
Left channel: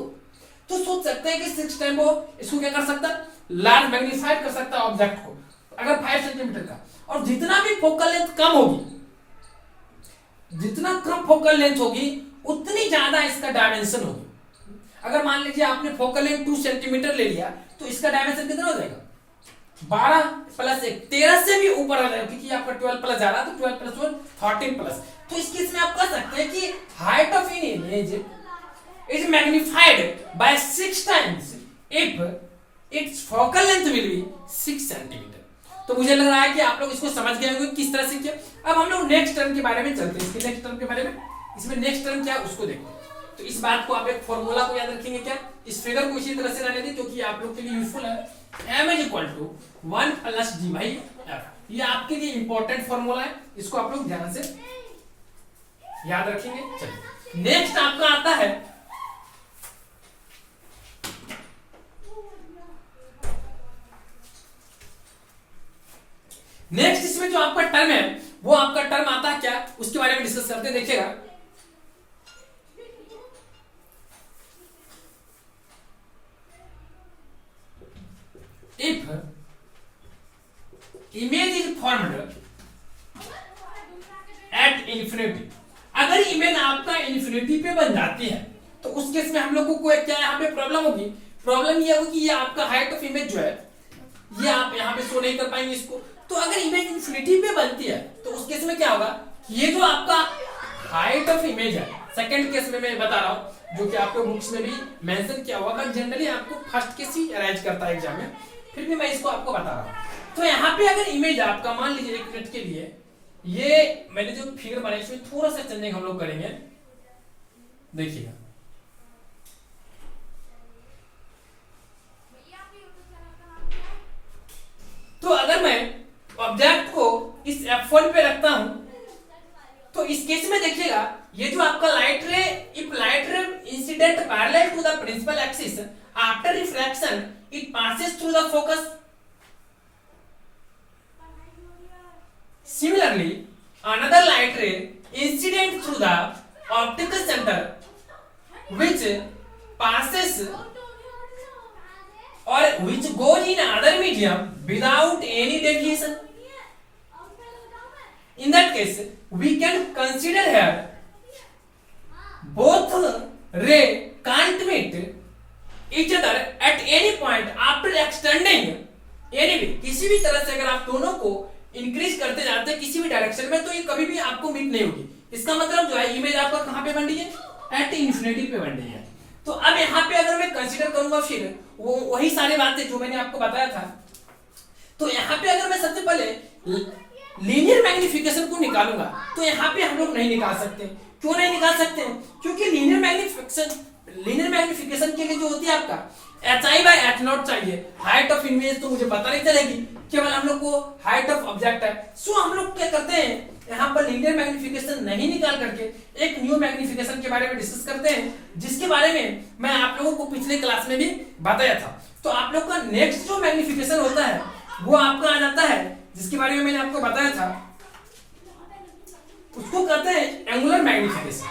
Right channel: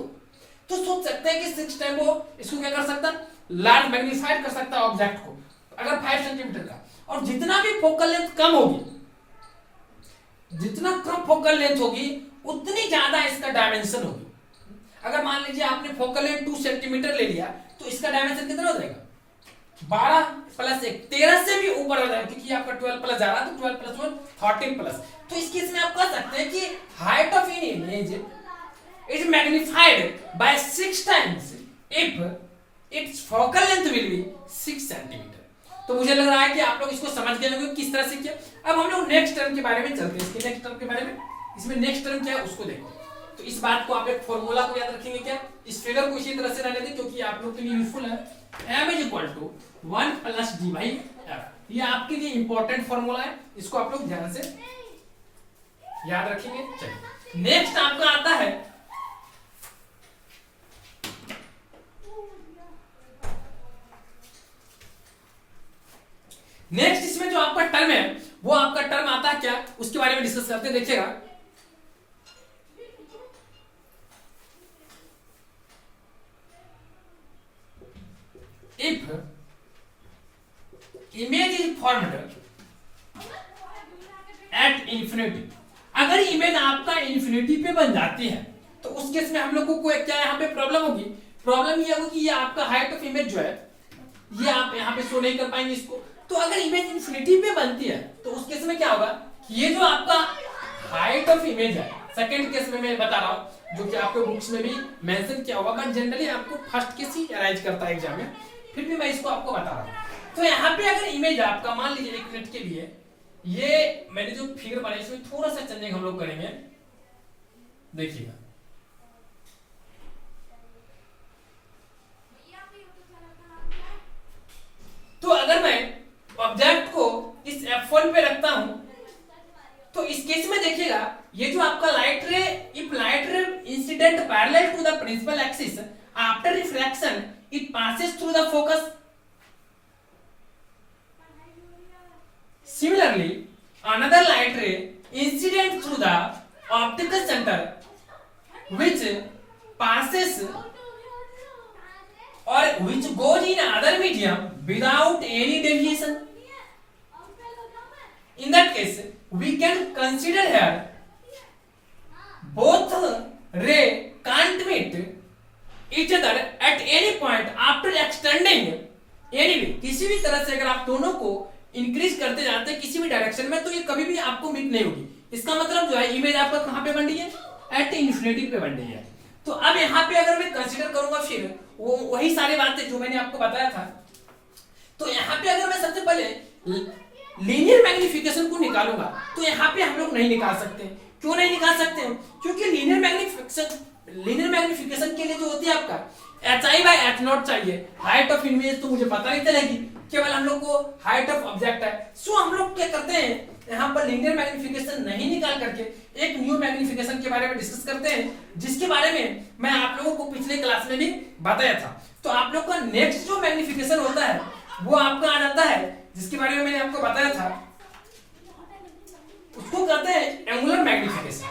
सोच सकते हैं कि 6 टाइम वो इसको क्या कर सकता है, लार्ज मैग्नीफाइड कर सकता है ऑब्जेक्ट को, अगर 5 सेंटीमीटर का। और जितना भी फोकल लेंथ कम होगी, जितना कम फोकल लेंथ होगी उतनी ज्यादा इसका डायमेंशन होगी। अगर मान लीजिए आपने फोकल लेंथ 2 सेंटीमीटर ले लिया तो इसका डायमेंशन कितना हो जाएगा? 12 प्लस 1 13 से भी ऊपर आ जाएगा, क्योंकि आपका 12 प्लस जा रहा है तो 12 प्लस 1 13 प्लस। तो इस केस में आप कह सकते हैं कि height of an image is magnified by 6 times if it's focal length will be 6 centimetre. तो मुझे लग रहा है कि आप लोग इसको समझ गए होंगे किस तरह से किया। अब हम लोग नेक्स्ट टर्म के बारे में चलते हैं, इसके नेक्स्ट टर्म के बारे में, इसमें नेक्स्ट टर्म क्या है उसको देखते हैं। तो इस बात को आप एक फॉर्मूला को याद रखेंगे, क्या इस फिगर को इसी तरह से रहने दें क्योंकि आप लोग के लिए यूजफुल है। m is equal to 1 plus d by f, ये आपके लिए इंपॉर्टेंट फॉर्मूला है, इसको आप लोग ध्यान से याद रखेंगे। चलिए नेक्स्ट आपका आता है नेक्स्ट, इसमें जो आपका टर्म है वो आपका टर्म आता है क्या, उसके बारे में डिस्कस करते हैं। देखिएगा if image is formed at infinity, अगर इमेज आपका इंफिनिटी पे बन जाती है तो उस केस में हम लोगों को क्या यहाँ पे प्रॉब्लम होगी? प्रॉब्लम ये होगी कि ये आपका हाइट ऑफ इमेज जो है ये आप यहाँ पे शो नहीं कर पाएंगे इसको। तो अगर इमेज इंफिनिटी पे बनती है तो उस केस में क्या होगा, ये जो आपका हाइट ऑफ इमेज है, सेकंड केस में मैं बता रहा हूँ जो कि आपके बुक्स में भी मेंशन किया हुआ, बट जनरली आपको फर्स्ट केस ही अराइज करता है एग्जाम में, फिर भी मैं इसको आपको बता रहा हूँ। तो यहाँ पे अगर इमेज आपका मान लीजिए 1 मिनट के लिए, ये मैंने जो फिगर बनाई इसमें थोड़ा सा चेंजिंग हम लोग करेंगे, देखिएगा। तो अगर मैं ऑब्जेक्ट को इस F1 पे रखता हूं तो इस केस में देखिएगा ये जो आपका light ray, if light ray incident parallel to the principal axis after refraction it passes through the focus, Similarly, another light ray incident through the optical center which passes or which goes in other medium without any deviation. In that case, we can consider here both ray can't meet each other at any point after extending anyway. किसी भी तरह से अगर आप दोनों को increase करते जाते हैं किसी भी डायरेक्शन में तो ये कभी भी आपको मीट नहीं होगी. इसका मतलब जो है इमेज आपका कहां पे बन रही है, एट इन्फिनिटी पे बन रही है. तो अब यहाँ पे अगर मैं कंसीडर करूंगा फिर वो वही सारी बातें जो मैंने आपको बताया था. तो यहाँ पे अगर मैं सबसे पहले लीनियर मैग्निफिकेशन को निकालूंगा तो यहाँ पे हम लोग नहीं निकाल सकते. क्यों नहीं निकाल सकते हैं? क्योंकि लीनियर मैग्निफिकेशन के लिए जो होती है आपका HI/H0 चाहिए. हाइट ऑफ इमेज तो मुझे पता नहीं चलेगी, केवल हम लोग को हाइट ऑफ ऑब्जेक्ट है. सो हम लोग क्या करते हैं यहाँ पर लीनियर मैग्निफिकेशन नहीं निकाल करके एक न्यू मैग्निफिकेशन के बारे में डिस्कस करते हैं, जिसके बारे में मैं आप लोगों को पिछले क्लास में भी बताया था. तो आप लोग का नेक्स्ट जो मैग्निफिकेशन होता है वो आपका आ जाता है, जिसके बारे में मैंने आपको बताया था, उसको कहते हैं एंगुलर मैग्निफिकेशन.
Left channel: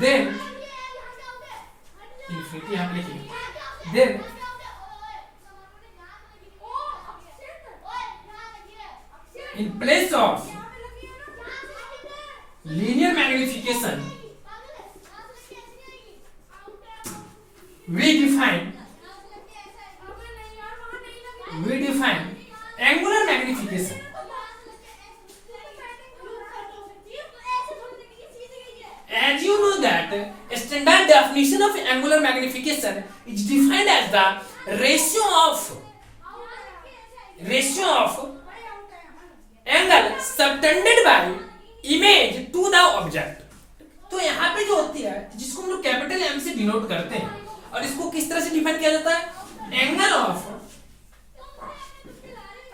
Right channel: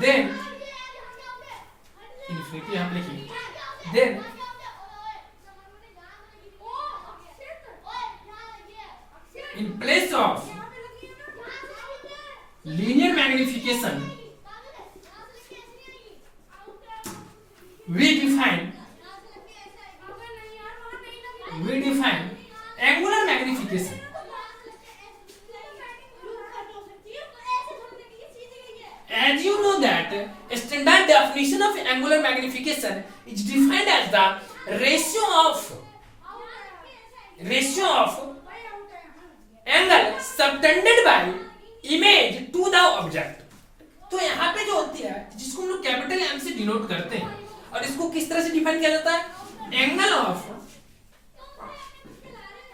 देन इन्फिनिटी हम लिखेंगे. Then in place of linear magnification we define angular magnification. As you know that standard definition of angular magnification is defined as the ratio of angle subtended by image to the object. तो यहाँ पे जो होती है जिसको हम लोग capital M से डिनोट करते हैं, और इसको किस तरह से डिफाइन किया जाता है, angle of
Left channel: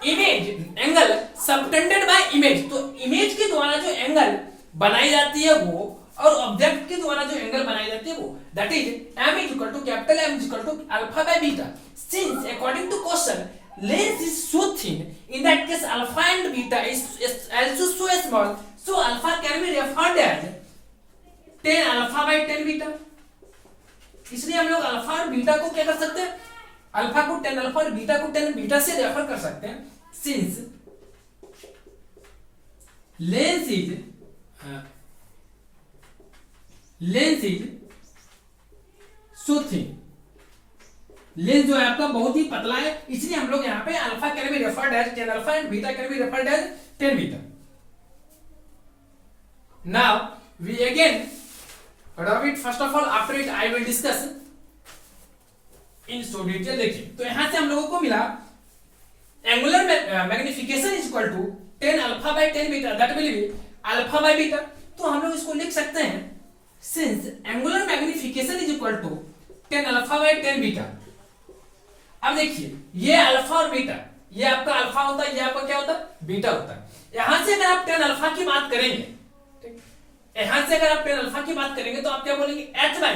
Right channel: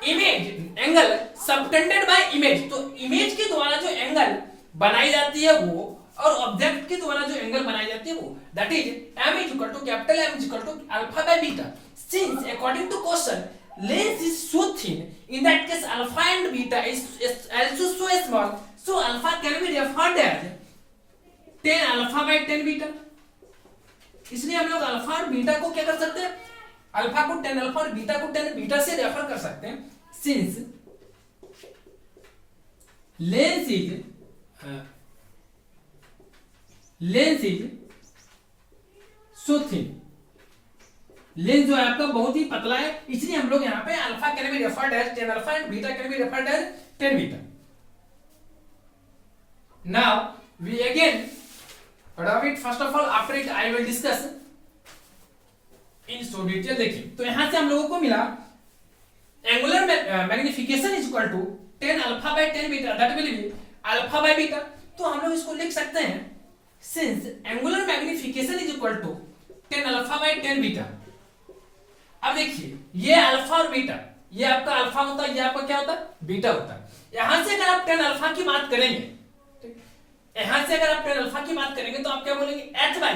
image, angle subtended by image. तो इमेज के द्वारा जो एंगल बनाई जाती है वो, और ऑब्जेक्ट के द्वारा जो एंगल बनाई जाती है वो, that is m is equal to capital M is equal to alpha by beta. Since according to question length is so thin, in that case alpha and beta is also so small, so alpha can be referred as 10 alpha by 10 beta. इसलिए हम लोग alpha और beta को क्या कर सकते हैं, alpha को 10 अल्फा और बीटा को 10 बीटा से रेफर कर सकते हैं. Since lens is so thin, lens जो है आपका बहुत ही पतला है, इसलिए हम लोग यहाँ पे alpha can be referred as 10 alpha and beta can be referred as 10 beta. Now we again rub it first of all, after it I will discuss in so detail. देखिए तो यहां से हम लोगों को मिला angular magnification is equal to 10 alpha by 10 beta, that will be alpha by beta. तो हम लोग इसको लिख सकते हैं since angular magnification is equal to 10 alpha by 10 beta. अब देखिए ये अल्फा और बीटा, ये आपका अल्फा होता है, ये आपका क्या होता है, बीटा होता है. यहां से अगर आप 10 अल्फा की बात करेंगे, ठीक, यहां से अगर आप 10 अल्फा की बात करेंगे तो आप क्या बोलेंगे, h बाई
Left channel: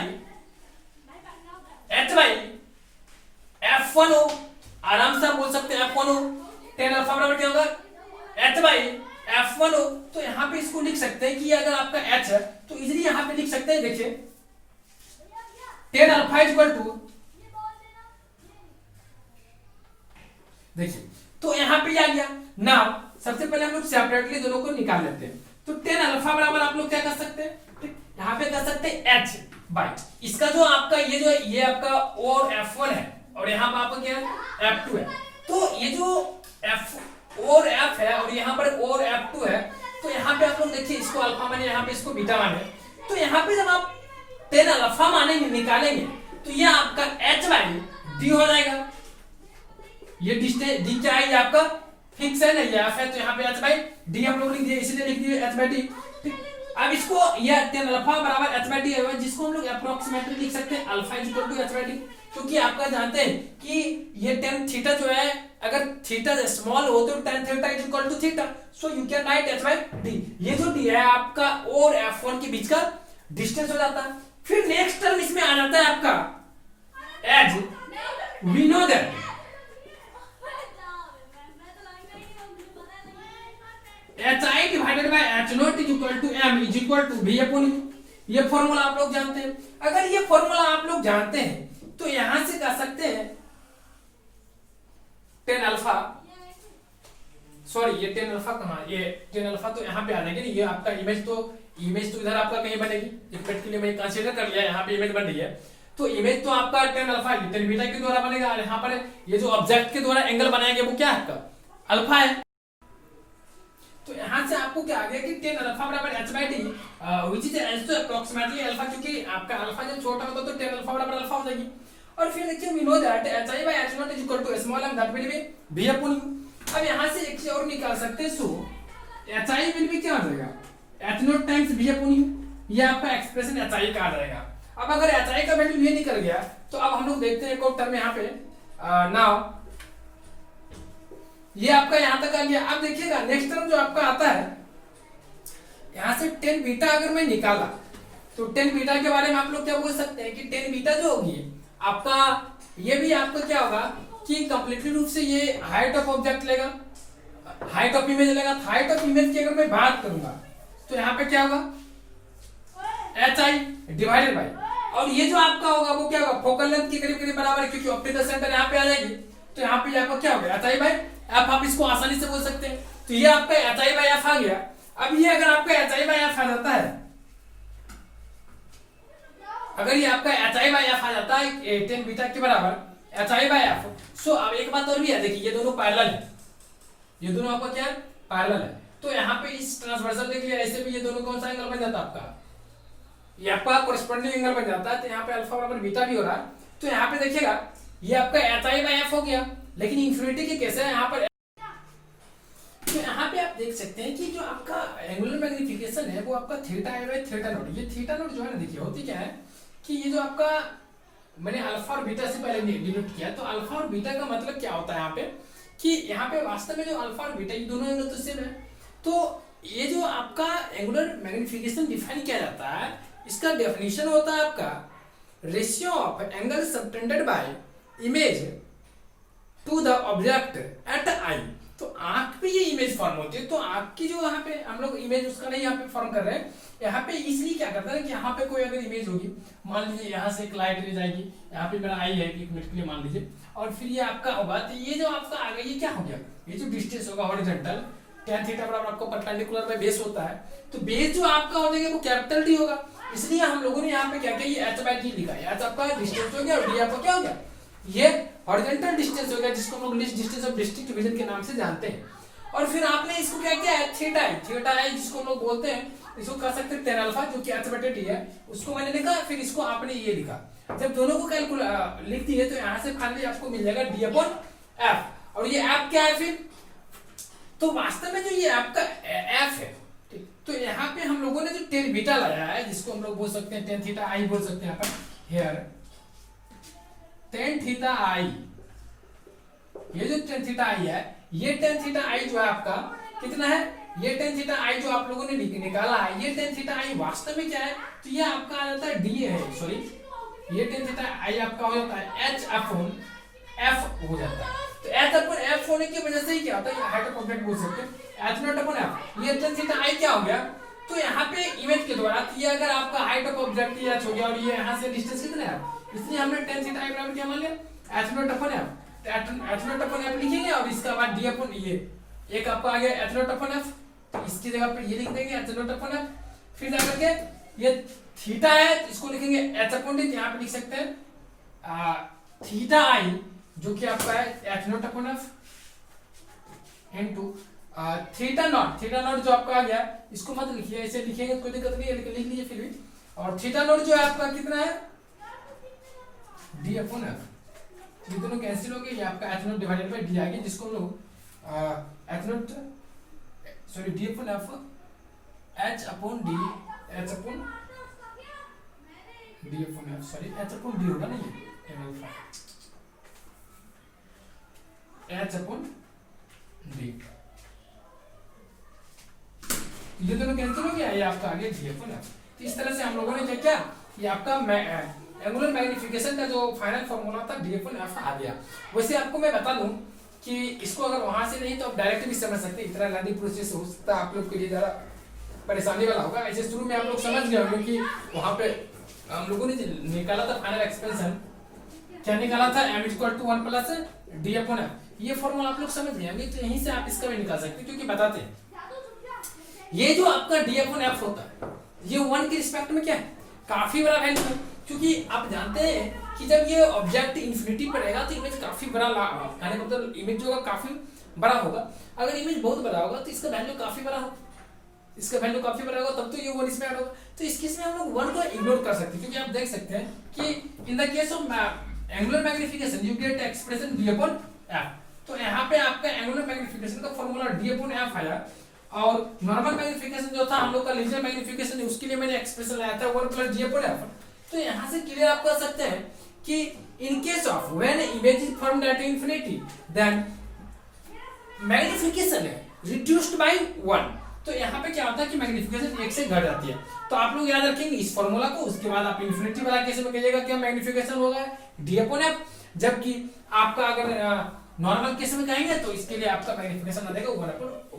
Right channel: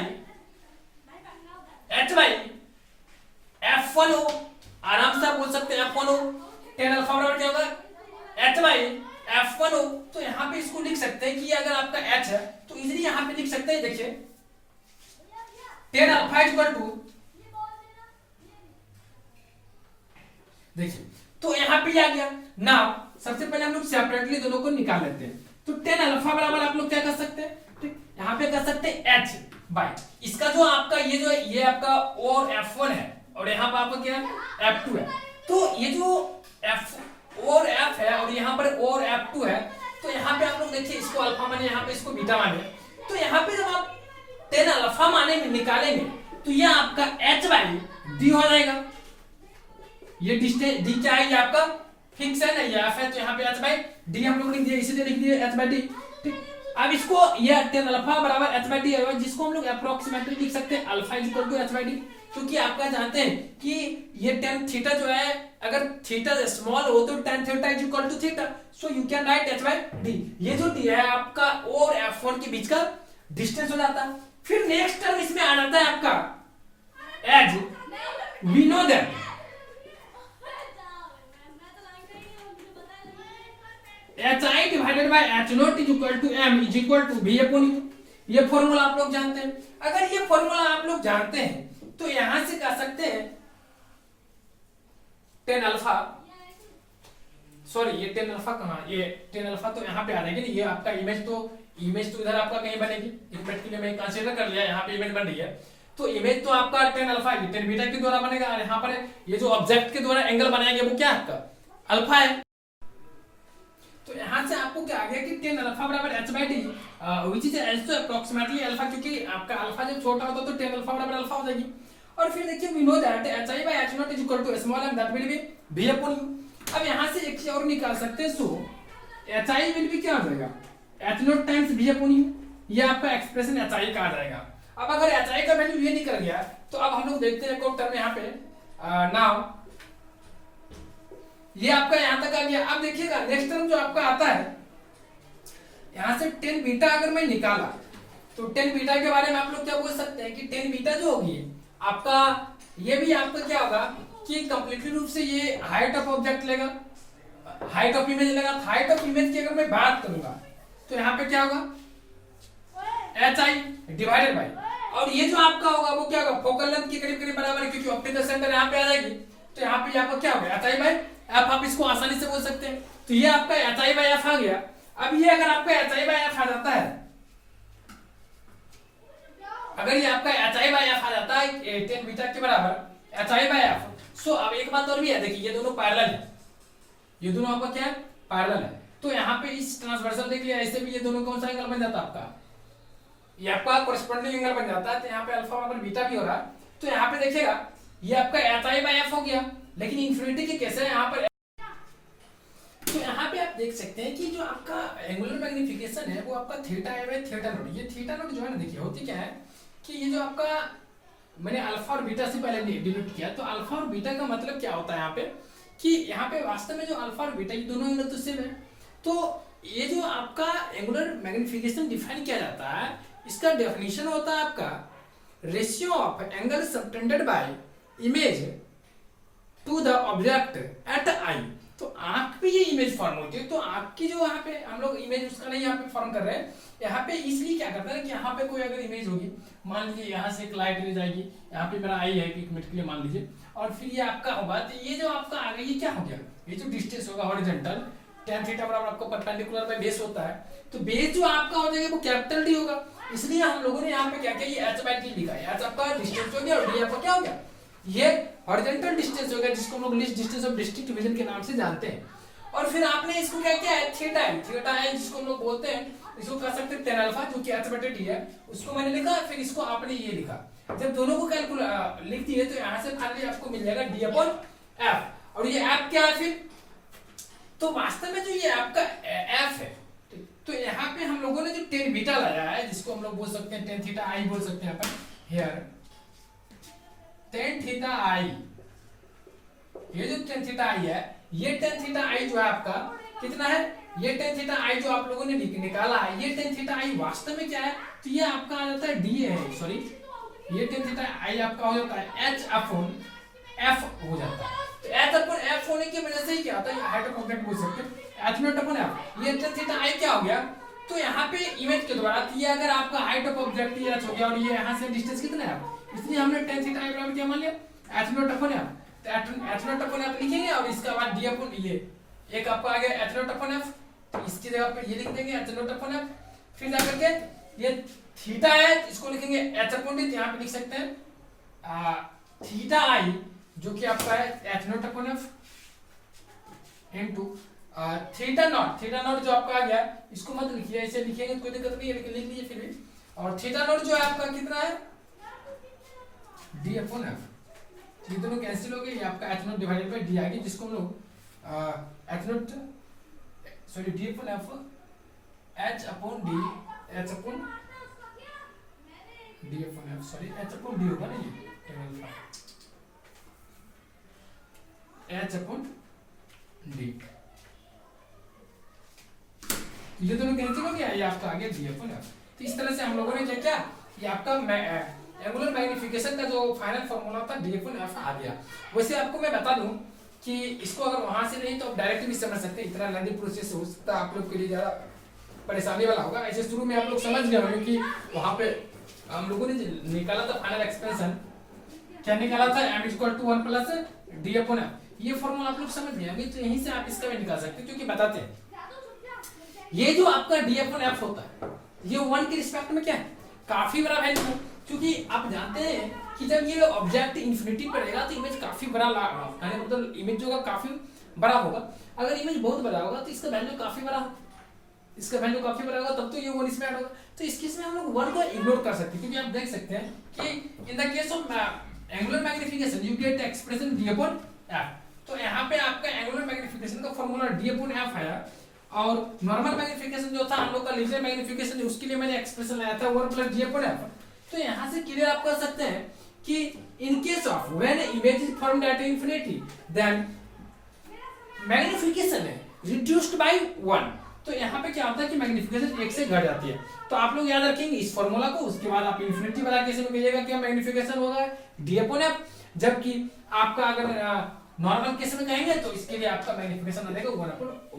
f1 हो, आराम से आप बोल सकते हैं f1 हो. 10 अल्फा बराबर क्या होगा, h बाई f1 हो. तो यहां पे इसको लिख सकते हैं कि अगर आपका h है तो इजीली यहां पे लिख सकते हैं. देखिए 10 अल्फा इज इक्वल टू, देखिए तो यहां पे आ गया. नाउ सबसे पहले हम लोग सेपरेटली दोनों को निकाल लेते हैं. तो 10 अल्फा बराबर आप लोग क्या कर सकते हैं, ठीक, यहां पे कर सकते हैं h बाई इसका जो आपका ये जो है ये आपका और f1 है, और यहां पर आपका क्या है f2 है. तो ये जो f और f है और यहां पर और f2 है, तो यहां पे आप लोग देखिए इसको अल्फा माने, यहां पे इसको बीटा माने. तो यहां पे जब आप 10 अल्फा माने में निकालेंगे तो ये आपका h बाई d हो जाएगा. ये डिस्टेंस डी क्या है, ये आपका फिक्स है ना, ये एफ है, तो यहाँ पे h बाई डी हम लोग लिख दिए, इसीलिए लिख दिए h बाई डी. ठीक, अब इसको ये 10 अल्फा बराबर h बाई डी है, जिसको हम लोग अप्रोक्सीमेटली लिख सकते हैं alpha is equal to h by d. क्योंकि आपका जानते हैं कि ये tan थीटा जो है, अगर थीटा स्मॉल हो तो tan theta is equal to theta, so you can write h by d. ये जो डी है आपका और f1 के बीच का डिस्टेंस हो जाता है. फिर नेक्स्ट टर्म इसमें आ जाता है आपका as we know that h i divided by h nought is equal to m is equal to v upon u. ये फॉर्मूला आप लोग जानते हैं। अगर ये फॉर्मूला आप लोग जानते हैं तो यहां से कह सकते हैं टेन अल्फा, सॉरी ये टेन अल्फा कहाँ, ये टेन अल्फा तो यहाँ पे आ जाएगी। ये आपका इमेज तो इधर आपका कहीं बनेगी। एक मिनट के लिए मैं कंसीडर कर लिया, यहाँ पे इमेज बन रही है तो इमेज तो आपका टेन अल्फा टेन बीटा के द्वारा बनेगा। और यहाँ पर ये जो ऑब्जेक्ट के द्वारा एंगल बनाया गया वो क्या है आपका अल्फा है। तो यहाँ से आपको क्या आ गया कि टेन अल्फा बराबर H by D which is also approximately alpha, क्योंकि आपका अल्फा जब छोटा होता तो टेन अल्फा बराबर अल्फा हो जाएगी। और फिर देखिए we know that h i by h nought is equal to small m that will be v upon u. अब यहाँ से एक चीज और निकाल सकते हैं, so h i will be क्या हो जाएगा h nought times v upon u. ये आपका एक्सप्रेशन एच आई का आ जाएगा। अब अगर एच आई का वैल्यू ये निकल गया तो अब हम लोग देखते हैं एक और टर्म यहाँ पे नाउ ये आपका यहां तक आ गया। अब देखिएगा नेक्स्ट टर्म जो आपका आता है यहां से टेन बीटा अगर मैं निकाला तो टेन बीटा के बारे में आप लोग क्या बोल सकते हैं कि टेन बीटा जो होगी आपका ये भी आपका क्या होगा कि कंप्लीटली रूप से ये हाइट ऑफ ऑब्जेक्ट लेगा, हाइट ऑफ इमेज लेगा। हाइट ऑफ इमेज की अगर मैं बात करूंगा तो यहाँ पे क्या होगा एच आई डिवाइडेड बाई, और ये जो आपका होगा वो क्या होगा फोकल लेंथ के करीब करीब बराबर है, क्योंकि ऑप्टिकल सेंटर यहाँ पे आ जाएगी। तो यहाँ पे आपका क्या होगा एच आई बाई एफ, आप इसको आसानी से बोल सकते हैं। तो ये आपका एच आई बाई एफ आ गया। अब ये अगर आपका एच आई बाई एफ आ जाता है, अगर ये आपका एच आई बाई एफ आ जाता है टेन बीटा के बराबर एच आई बाई एफ, सो अब एक बात और भी है, देखिए ये दोनों पैरेलल है, ये दोनों आपका क्या है पैरेलल है। तो यहाँ पे इस ट्रांसवर्सल देख लिया, ऐसे भी ये दोनों कौन सा एंगल बन जाता है आपका, ये आपका कोरिस्पोंडिंग एंगल बन जाता है। तो यहाँ पे अल्फा बराबर बीटा भी हो रहा है। तो यहाँ पे देखिएगा ये आपका एच आई बाई एफ हो गया, लेकिन इंफिनिटी के कैसे है यहाँ पर। तो यहाँ पे आप देख सकते हैं कि जो आपका एंगुलर मैग्निफिकेशन है वो आपका थीटा है बाई थीटा नॉट। ये थीटा नॉट जो है ना देखिए होती क्या है कि ये जो आपका मैंने अल्फा और बीटा से पहले डिनोट किया, तो अल्फा और बीटा का मतलब क्या होता है यहाँ पे कि यहाँ पे वास्तव में जो अल्फा और बीटा ये दोनों एंगल तो सेम है। तो ये जो आपका एंगुलर मैग्निफिकेशन डिफाइन किया जाता है, इसका डेफिनेशन होता है आपका ratio of angle subtended by image to the object at eye. तो आंख पे ये इमेज फॉर्म होती है, तो आंख की जो यहाँ पे हम लोग इमेज उसका नहीं यहाँ पे फॉर्म कर रहे हैं, यहाँ पे इसलिए क्या करता है कि यहाँ पे कोई अगर इमेज होगी, मान लीजिए यहाँ से एक लाइट ले जाएगी, यहाँ पे मेरा आई है एक मिनट के लिए मान लीजिए, और फिर ये आपका होगा तो ये जो आपका आ गया ये क्या हो गया, ये जो डिस्टेंस होगा हॉरिजॉन्टल tan थीटा बराबर आपको परपेंडिकुलर बाय बेस होता है, तो बेस जो आपका हो जाएगा वो कैपिटल डी होगा। इसलिए हम लोगों ने यहाँ पे क्या किया ये h बाय d लिखा है। h आपका डिस्टेंस हो गया और d आपका क्या हो गया ये हॉरिजॉन्टल डिस्टेंस हो गया, जिसको हम लोग least distance of district division के नाम से जानते हैं। और फिर आपने इसको क्या किया है थीटा है जिसको हम लोग बोलते हैं, इसको कह सकते हैं tan अल्फा जो कि h बटे d है, उसको मैंने लिखा, फिर इसको आपने ये लिखा। जब दोनों को कैलकुलेट लिख दिए तो यहाँ से फाइनली आपको मिल जाएगा d अपॉन f, और ये f क्या है फिर, तो वास्तव में जो ये आपका f है, तो यहाँ पे हम लोगों ने जो tan बीटा लाया है जिसको हम लोग बोल सकते हैं tan थीटा i बोल सकते हैं यहाँ पर हियर tan थीटा i, ये जो tan थीटा i है, ये tan थीटा i जो है आपका कितना है, ये tan थीटा i जो आप लोगों ने निकाला है, ये tan थीटा i वास्तव में क्या है, तो ये आपका आ जाता है d है, सॉरी ये tan थीटा i आपका हो जाता है h अपॉन f हो जाता है। तो h अपॉन f होने की वजह से ही क्या होता है हाइट ऑफ ऑब्जेक्ट बोल सकते हैं h नॉट अपॉन f, ये tan थीटा i क्या हो गया, तो यहाँ पे इमेज के द्वारा ये अगर आपका हाइट ऑफ ऑब्जेक्ट ये h हो गया और ये यहाँ से डिस्टेंस कितना है, इसलिए हमने tan थीटा i बराबर क्या मान लिया h नॉट अपॉन f, तो h नॉट अपॉन f लिखेंगे और इसका बाद d अपॉन ये एक आपका आ गया h नॉट अपॉन f, तो इसकी जगह पे ये लिख देंगे h नॉट अपॉन f, फिर जाकर के ये थीटा है इसको लिखेंगे h अपॉन d, यहाँ पे लिख सकते हैं थीटा i जो कि आपका है h not upon f into theta naught जो आपका आ गया, इसको मत लिखिए, ऐसे लिखिएगा कोई दिक्कत नहीं है, लिख लीजिए फिर भी। और थीटा नॉट जो है आपका कितना है d अपॉन f, ये दोनों कैंसिल हो गए, ये आपका h not divided by d आ गया, जिसको हम लोग h not sorry d upon f h upon d h upon d upon f sorry h upon d होगा ना, ये tan alpha h upon d, ये दोनों कैंसिल हो गया, ये आपका आ गया d अपॉन f। तो इस तरह से हम लोगों ने क्या ये आपका एंगुलर मैग्निफिकेशन का जो फाइनल फार्मूला था d अपॉन f आ गया। वैसे आपको मैं बता दूं कि इसको अगर वहां से नहीं तो आप डायरेक्ट भी समझ सकते हैं, इतना लंबी प्रोसेस हो सकता है आप लोग के लिए ज़्यादा परेशानी वाला होगा। ऐसे शुरू में आप लोग समझ गए होंगे कि वहां पे हम लोगों ने निकाला था फाइनल एक्सपेंशन, क्या निकाला था, m equal to 1 plus d upon f. ये फॉर्मूला आप लोग समझ गए होंगे, तो यहीं से आप इसका भी निकाल सकते हैं, क्योंकि बताते हैं ये जो आपका डी अपॉन एफ होता है ये 1 के रिस्पेक्ट में क्या है, काफी बड़ा वैल्यू है। क्योंकि आप जानते हैं कि जब ये ऑब्जेक्ट इन्फिनिटी पर रहेगा तो इमेज काफी बड़ा मतलब इमेज जो काफी बड़ा होगा। अगर इमेज बहुत बड़ा होगा तो इसका वैल्यू काफी बड़ा होगा, इसका वैल्यू काफी बड़ा होगा, तब तो ये 1 इसमें ऐड होगा। तो इस केस में हम लोग 1 को इग्नोर कर सकते हैं, क्योंकि आप देख सकते हैं कि in the case of angular magnification you get expression d upon f। तो यहाँ पे आपका एंगुलर मैग्निफिकेशन का फॉर्मूला d अपॉन f आया, और नॉर्मल मैग्निफिकेशन जो था हम लोग का लेजर मैग्निफिकेशन, उसके लिए मैंने एक्सप्रेशन लाया था 1 प्लस d अपॉन f। तो यहाँ से क्लियर आप कर सकते हैं कि in case of when image is formed at infinity then magnification है रिड्यूस्ड बाय 1। तो यहाँ पे क्या होता है कि मैग्निफिकेशन 1 से घट जाती है। तो आप लोग याद रखेंगे इस फॉर्मूला को, उसके बाद आप इंफिनिटी वाला केस में कहिएगा कि मैग्निफिकेशन होगा d अपॉन f, जबकि आपका अगर नॉर्मल केस में कहेंगे तो इसके लिए आपका मैग्निफिकेशन आ जाएगा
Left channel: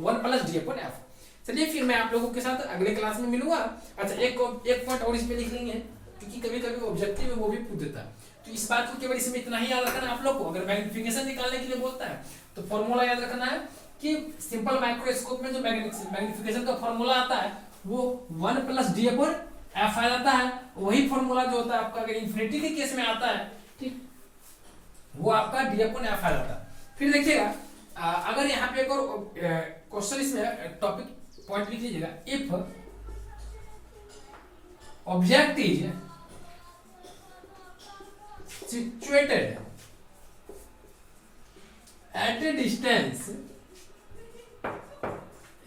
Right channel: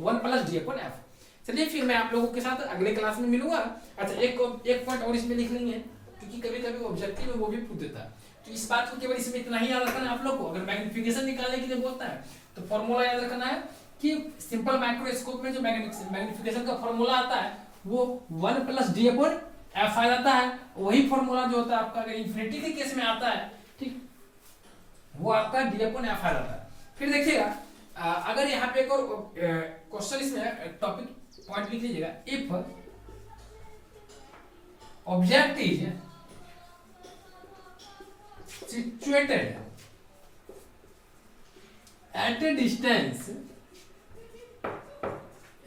1 प्लस d अपॉन f। चलिए फिर मैं आप लोगों के साथ अगले क्लास में मिलूंगा। अच्छा एक पॉइंट और इसमें लिख लेंगे, क्योंकि कभी कभी ऑब्जेक्टिव में वो भी पूछ देता है, तो इस बात को केवल इसमें इतना ही याद रखना आप लोग को। अगर मैग्निफिकेशन निकालने के लिए बोलता है तो फॉर्मूला याद रखना है कि सिंपल माइक्रोस्कोप में जो मैग्निफिकेशन का फॉर्मूला आता है वो 1 प्लस डी अपॉन एफ आ जाता है। वही फॉर्मूला जो होता है आपका अगर इंफिनिटी के केस में आता है, ठीक, वो आपका डी अपॉन एफ आ जाता है। फिर देखिएगा अगर यहाँ पे एक और क्वेश्चन इसमें टॉपिक पॉइंट लिख लीजिएगा, if object is situated at a distance,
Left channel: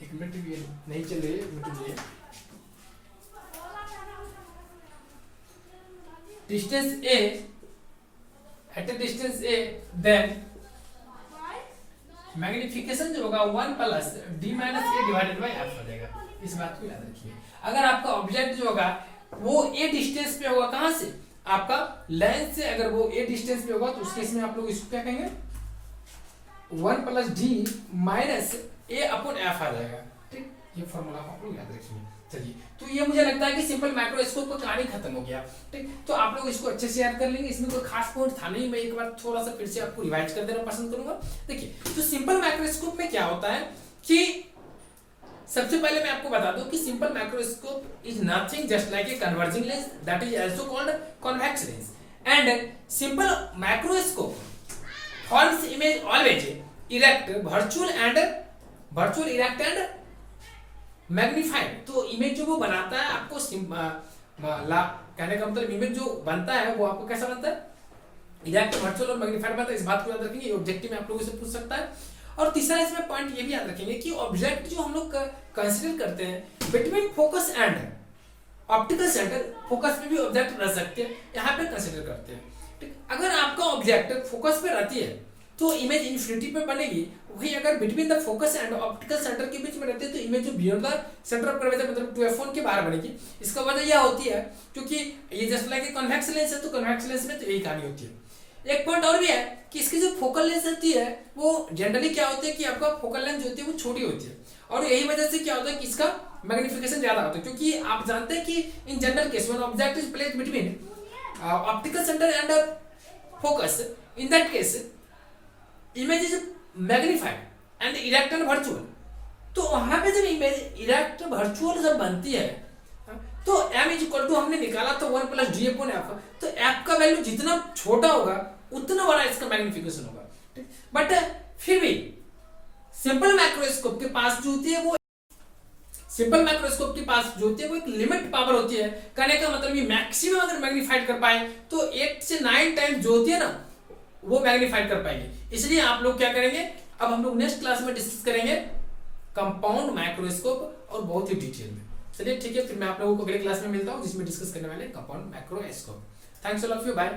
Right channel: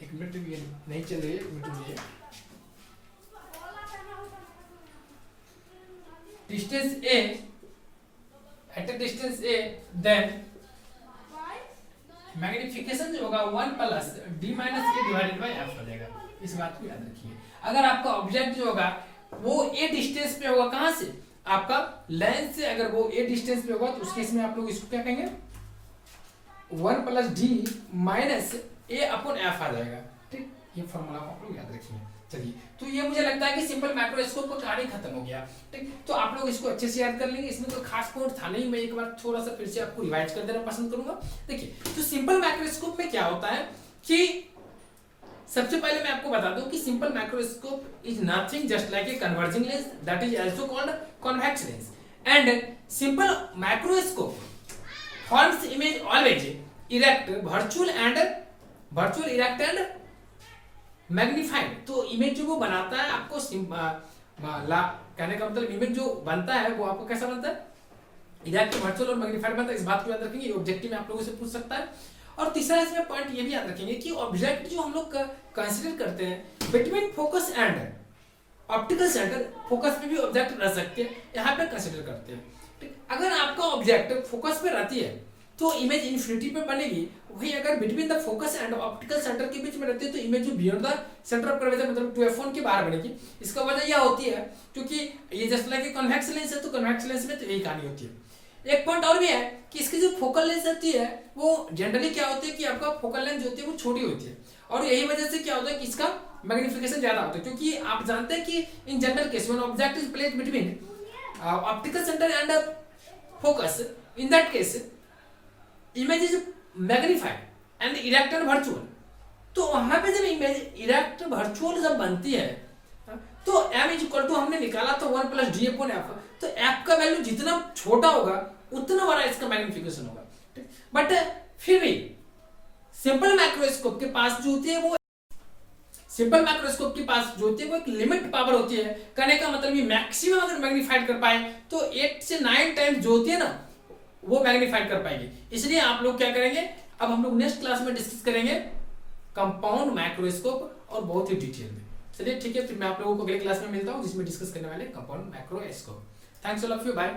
एक मिनट ये नहीं चल रही है, distance a at a distance a, then magnification जो होगा 1 plus d minus a divided by f हो जाएगा। इस बात को याद रखिए। अगर आपका ऑब्जेक्ट जो होगा वो ए डिस्टेंस पे होगा, कहां से, आपका लेंस से, अगर वो ए डिस्टेंस पे होगा तो उस केस में आप लोग इसको क्या कहेंगे 1 प्लस डी माइनस ए अपॉन एफ आ जाएगा। ठीक, ये फॉर्मूला को आप लोग याद रखिए। चलिए, तो ये मुझे लगता है कि सिंपल माइक्रोस्कोप का कहानी खत्म हो गया। ठीक, तो आप लोग इसको अच्छे से याद कर लेंगे, इसमें कोई खास पॉइंट था नहीं, मैं एक बार थोड़ा सा फिर से आपको रिवाइज कर देना पसंद करूंगा। देखिए, तो सिंपल माइक्रोस्कोप में क्या होता है कि सबसे पहले मैं आपको बता दूं कि simple microscope is nothing just like a converging lens that is also called convex lens, and simple microscope forms image always erect virtual erect and magnified. तो इमेज जो वो बनाता है आपको कहने का मतलब इमेज जो बनता है वो आपको कैसा बनता है, इरेक्ट, वर्चुअल और मैग्नीफाइड बनता है। इस बात को याद रखेंगे, ऑब्जेक्टिव में आप लोगों से पूछ सकता है। और तीसरा इसमें पॉइंट ये भी याद रखेंगे कि ऑब्जेक्ट जो हम लोग कंसीडर करते हैं between focus and optical centre, focus पे भी ऑब्जेक्ट रह सकते हैं, यहाँ पे कंसीडर करते हैं। ठीक, अगर आपका ऑब्जेक्ट फोकस पे रहती है तो इमेज इन्फिनिटी पे बनेगी। वही अगर between the focus and optical centre के बीच में रहती है तो इमेज जो beyond the centre of curvature मतलब 2f1 के बाहर बनेगी। इसका वजह यह होती है क्योंकि ये जस्ट लाइक कॉन्वेक्स लेंस है, तो कॉन्वेक्स लेंस में तो यही कहानी होती है। एक पॉइंट और भी है कि इसकी जो फोकल लेंथ रहती है वो जनरली क्या होती है कि आपका फोकल लेंथ जो होती है वो छोटी होती है, और यही वजह से क्या होता है कि इसका मैग्निफिकेशन ज्यादा होता है। क्योंकि आप जानते हैं कि in general case when object is placed between optical centre and focus, in that case image is magnified and erect and virtual. तो वहां पे जब इमेज इरेक्ट वर्चुअल जब बनती है तो m इज इक्वल टू हमने निकाला तो 1 प्लस डी अपॉन एफ, तो f का वैल्यू जितना छोटा होगा उतना बड़ा इसका मैग्निफिकेशन होगा। बट फिर भी सिंपल माइक्रोस्कोप के पास जो होती है वो एक लिमिट पावर होती है। कहने का मतलब ये मैक्सिमम अगर मैग्नीफाइड कर पाए तो 8 से 9 टाइम्स जो होती है ना वो मैग्नीफाइड कर पाएंगे। इसलिए आप लोग क्या करेंगे, अब हम लोग नेक्स्ट क्लास में डिस्कस करेंगे कंपाउंड माइक्रोस्कोप और बहुत ही डिटेल में। चलिए ठीक है, फिर मैं आप लोगों को अगले क्लास में मिलता हूँ जिसमें डिस्कस करने वाले compound microscope. Thanks all of you, bye.